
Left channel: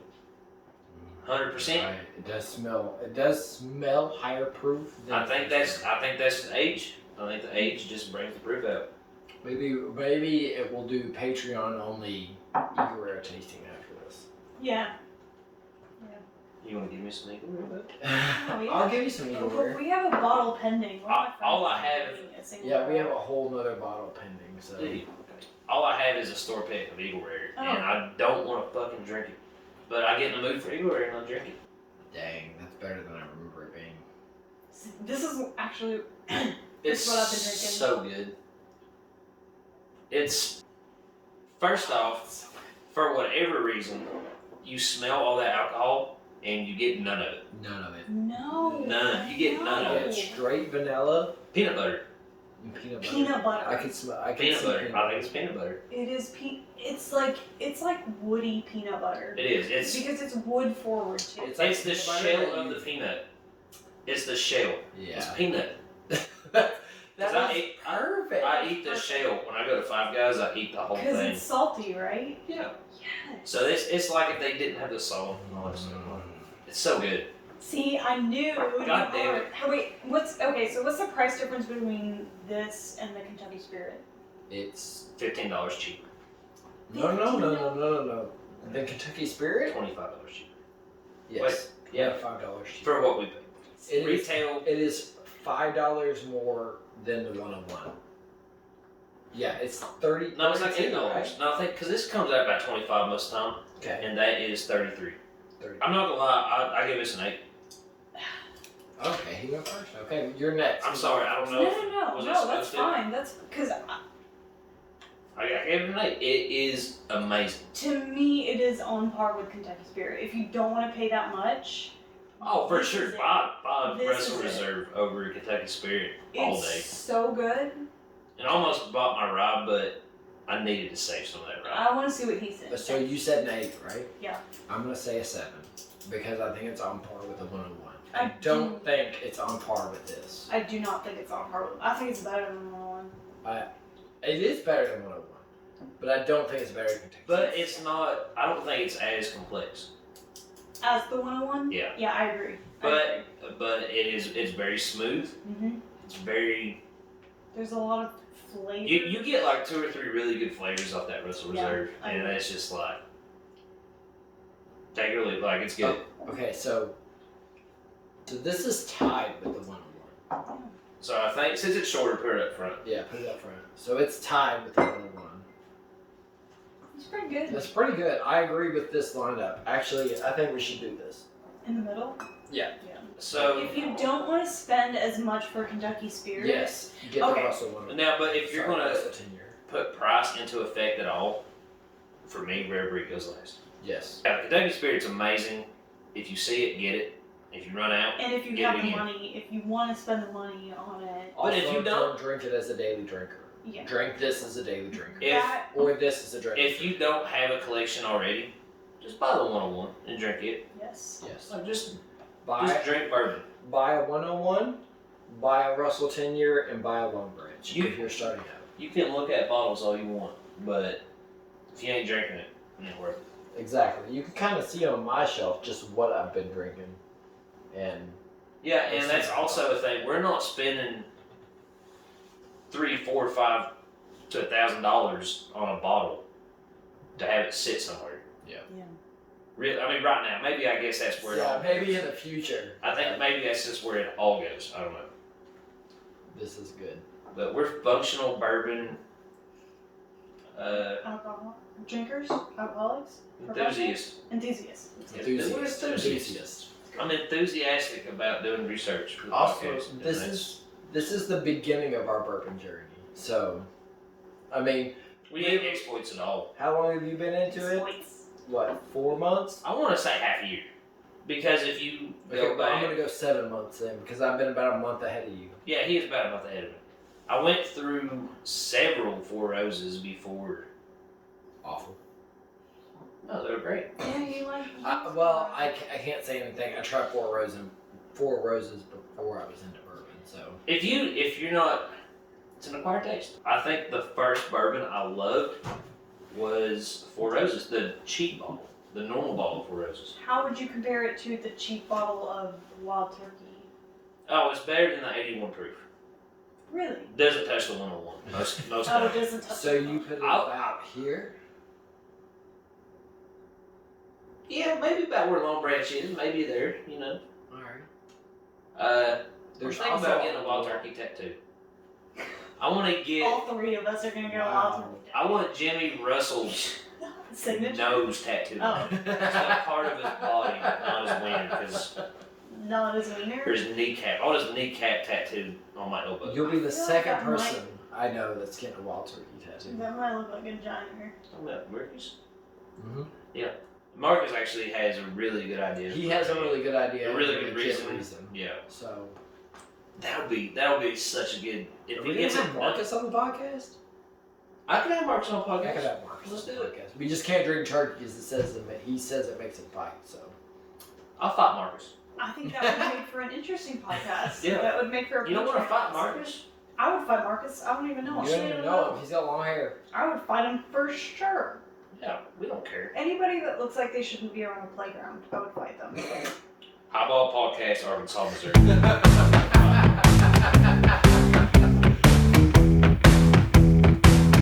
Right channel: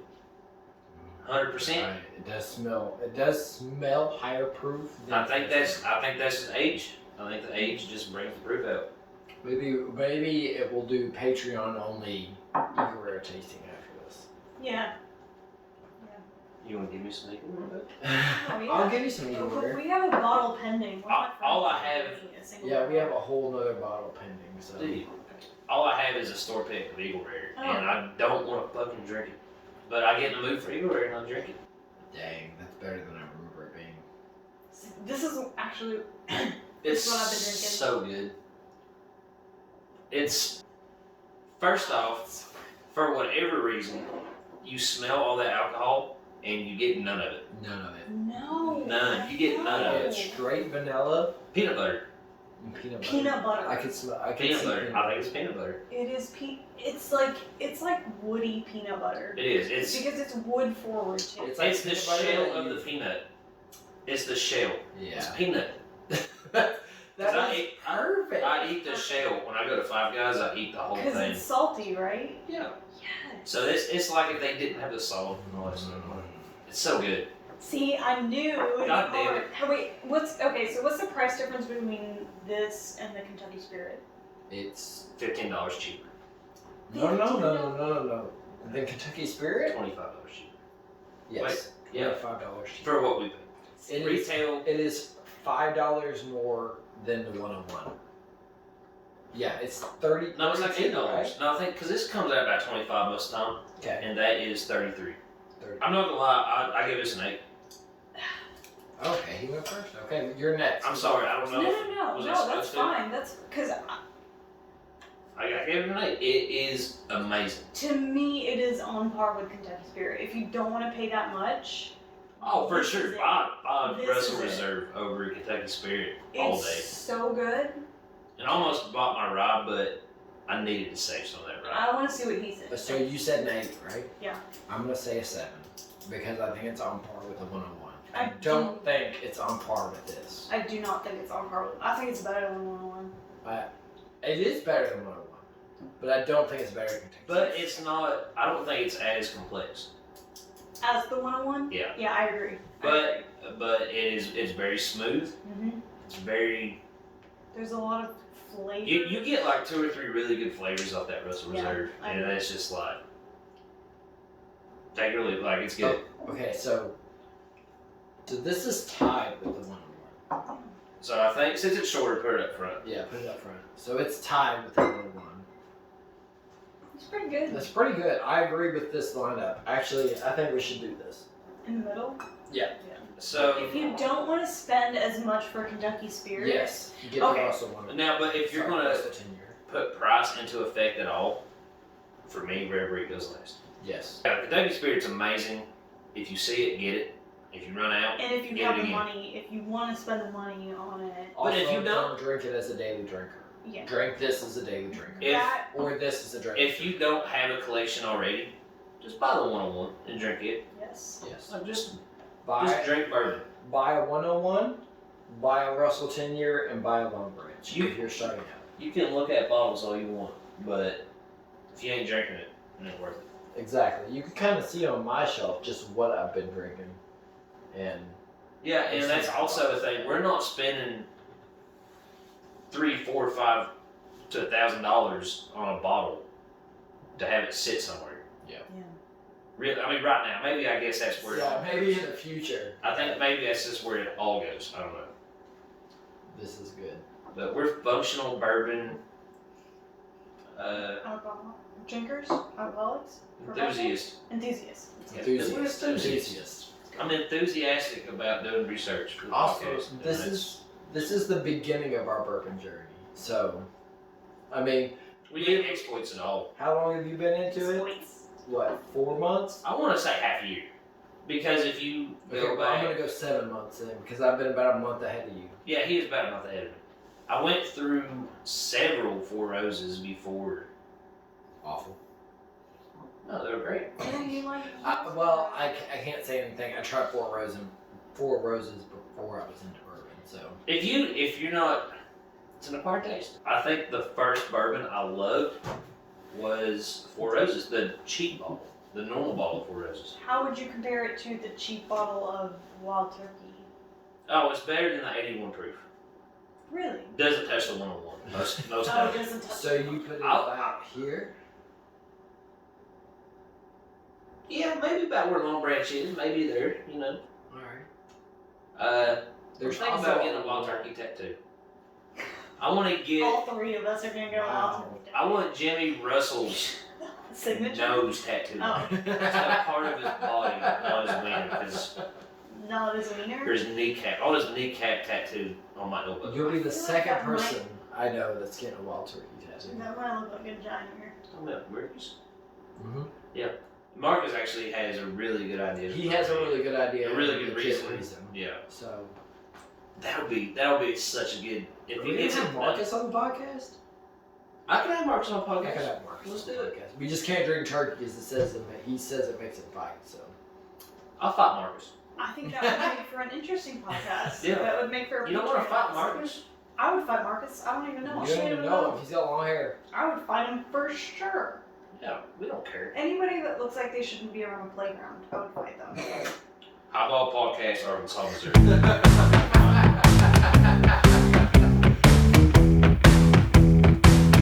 100%. Right. It does smell. It does smell higher proof. Than I think that's the age. I think the age just brings the proof out. Maybe it will do Patreon only Eagle Rare tasting after this. Yeah. You want to give me some Eagle Rare? Bud? Oh, yeah. I'll give you some Eagle Rare. We have a bottle pending. One of my All friends I is have- making a single Yeah, we have barrel. a whole nother bottle pending. So Dude, all I have is a store pick of Eagle Rare, and Oh. I don't want to fucking drink it. But I get in the mood for February and I'll drink it. Dang, that's better than I remember it being. This is actually It's what I've been drinking. so good. It's, first off, for whatever reason, you smell all that alcohol and you get none of it. None of it. No. None. You get none of It's straight vanilla Peanut butter. and peanut butter. Peanut butter. I could smell. I could Peanut see butter. I think it's peanut butter. It is it's like woody peanut butter. It is. It's Because it's wood forward too. It's like it's the peanut butter shell that of you- the peanut. It's the shell. Yeah. It's peanut. That I is eat- perfect. I eat the shell. When I go to Five Guys, I eat the whole Because thing. it's salty, right? Yeah. Yes. So it's like if they didn't have the salt and all that stuff. It's so good. See, I knew it would God be damn hard. Wait, what's the price difference between this and the Kentucky Spirit? It's $15 cheaper. no. The Kentucky Spirit. $25 cheaper. Yes. Yeah. $5 cheaper. For what we pay. It is- Retail. It is $5 more than the 101. Yeah, it's 30. No, it's like $8. Right? No, I think because this comes out about 25 most of the time, Okay. and that is 33. 30. I'm not gonna lie, I give this an 8. Okay, he went first. Okay, you're next. I'm sorry, I don't No, know. Was I that's supposed to? fine. That's because I gave it an 8. It is amazing. to me it is on par with Kentucky Spirit. If you don't want to pay that much, Oh, for This sure. is it. Buy This Russel is it. Reserve over Kentucky Spirit all it's day. so good. And I almost bought my rye, but I needed to save some of that rye. I want to see what he says. So you said an 8, right? Yeah. I'm gonna say a 7 because I think it's on par with the 101. I I don't think it's on par with this. I do not think it's on par with. I think it's better than 101. It is better than 101, but I don't think it's better than Kentucky. But it's not, I don't think it's as complex. As the 101? Yeah. Yeah, I agree. But it's very smooth. Mm-hmm. It's very, There's a lot of flavor. you get like 2 or 3 really good flavors off that Russel Yeah, Reserve. I And agree. it's just like, take it or leave it, like it's good. Okay, so this is tied with the 101. So I think, since it's shorter, put it up front. Yeah, put it up front. So it's tied with the 101. It's pretty good. That's pretty good. I agree with this lineup. Actually, I think we should do this. In the middle? Yeah. So, If you don't want to spend as much for Kentucky Spirit, Yes, get Okay. the Russell 101. now, but if you're Sorry, gonna Russell 10-year. put price into effect at all, for me, Rare Breed goes last. Yes. Yeah, Kentucky Spirit's amazing. If you see it, get it. If you run out, and if you Get have it the again. money, if you want to spend the money on it, Also, if you don't drink it as a daily drinker. yeah. Drink this as a daily drinker. If- That- Or this as a drinker. if you don't have a collection already, just buy the 101 and drink it. yes. Yes. Like just Buy drink bourbon. buy a 101, buy a Russell 10-year, and buy a Long Branch You- if you're starting out. You can look at bottles all you want, but if you ain't drinking it, it ain't worth it. Exactly. You can kind of see on my shelf just what I've been drinking. And Yeah, and It's that's just- also the thing. We're not spending $300, $400, $500 to $1,000 on a bottle to have it sit somewhere. Yeah. Yeah. Really, I mean, right now, maybe I guess that's where it yeah, all. maybe in the future. I think maybe that's just where it all goes. I don't know, This is good. but we're functional bourbon Alcohol drinkers, alcoholics, enthusiasts. enthusiasts. That's good. Enthusiast. We're enthusiasts. Enthusiast. I'm enthusiastic about doing research for the Also, podcast, and this is the beginning of our bourbon journey. So, I mean, we ain't exploits at all. how long have you been into it? Points. What, 4 months? I want to say half a year, because if you Okay, go well, I'm back, gonna go 7 months in because I've been about a month ahead of you. yeah, he is about a month ahead of me. I went through several Four Roses before. Awful. No, they were great. Yeah, you like. I can't say anything. I tried Four Roses before I was into bourbon. So If you're not, it's an acquired taste. I think the first bourbon I loved was Four Roses, the cheap bottle, the normal bottle of Four Roses. How would you compare it to the cheap bottle of Wild Turkey? Oh, it's better than the 81 proof. Really? Doesn't touch the 101. Most Oh, it don't. doesn't touch. so you put it I'll- about here. Yeah, maybe about where Long Branch is, maybe there, you know. All right. I'm There's thinking also about getting a Wild Turkey tattoo. I want to get. All three of us are gonna go Wow. Wild Turkey. I want Jimmy Russell's Signature? nose tattoo. Oh. It's got part of his body, not his wiener, because Not his wiener? there's kneecap. All his kneecap tattoo on my elbow. You'll be the I feel like second that person I know that's getting a wild turkey tattoo. That might look like a giant. Oh, yeah, Marcus. Mm-hmm. Marcus actually has a really good idea. He has a really good idea. A really good reason. Yeah. So. That'll be such a good. If Are he we gets gonna it, have Marcus on the podcast? I can have Marcus on the I podcast. could have Marcus Let's on do the it. podcast. We just can't drink turkey because he says it makes it fight. So. I'll fight Marcus. I think that would make for an interesting podcast. Yeah. That would make for a You don't want to Patreon fight episode. Marcus? I would fight Marcus. I don't even know. You don't even know him. He's got long hair. I would fight him for sure. Yeah, we don't care. Anybody that looks like they shouldn't be around a playground, I would fight them. Highball Podcast, Arkansas, Missouri.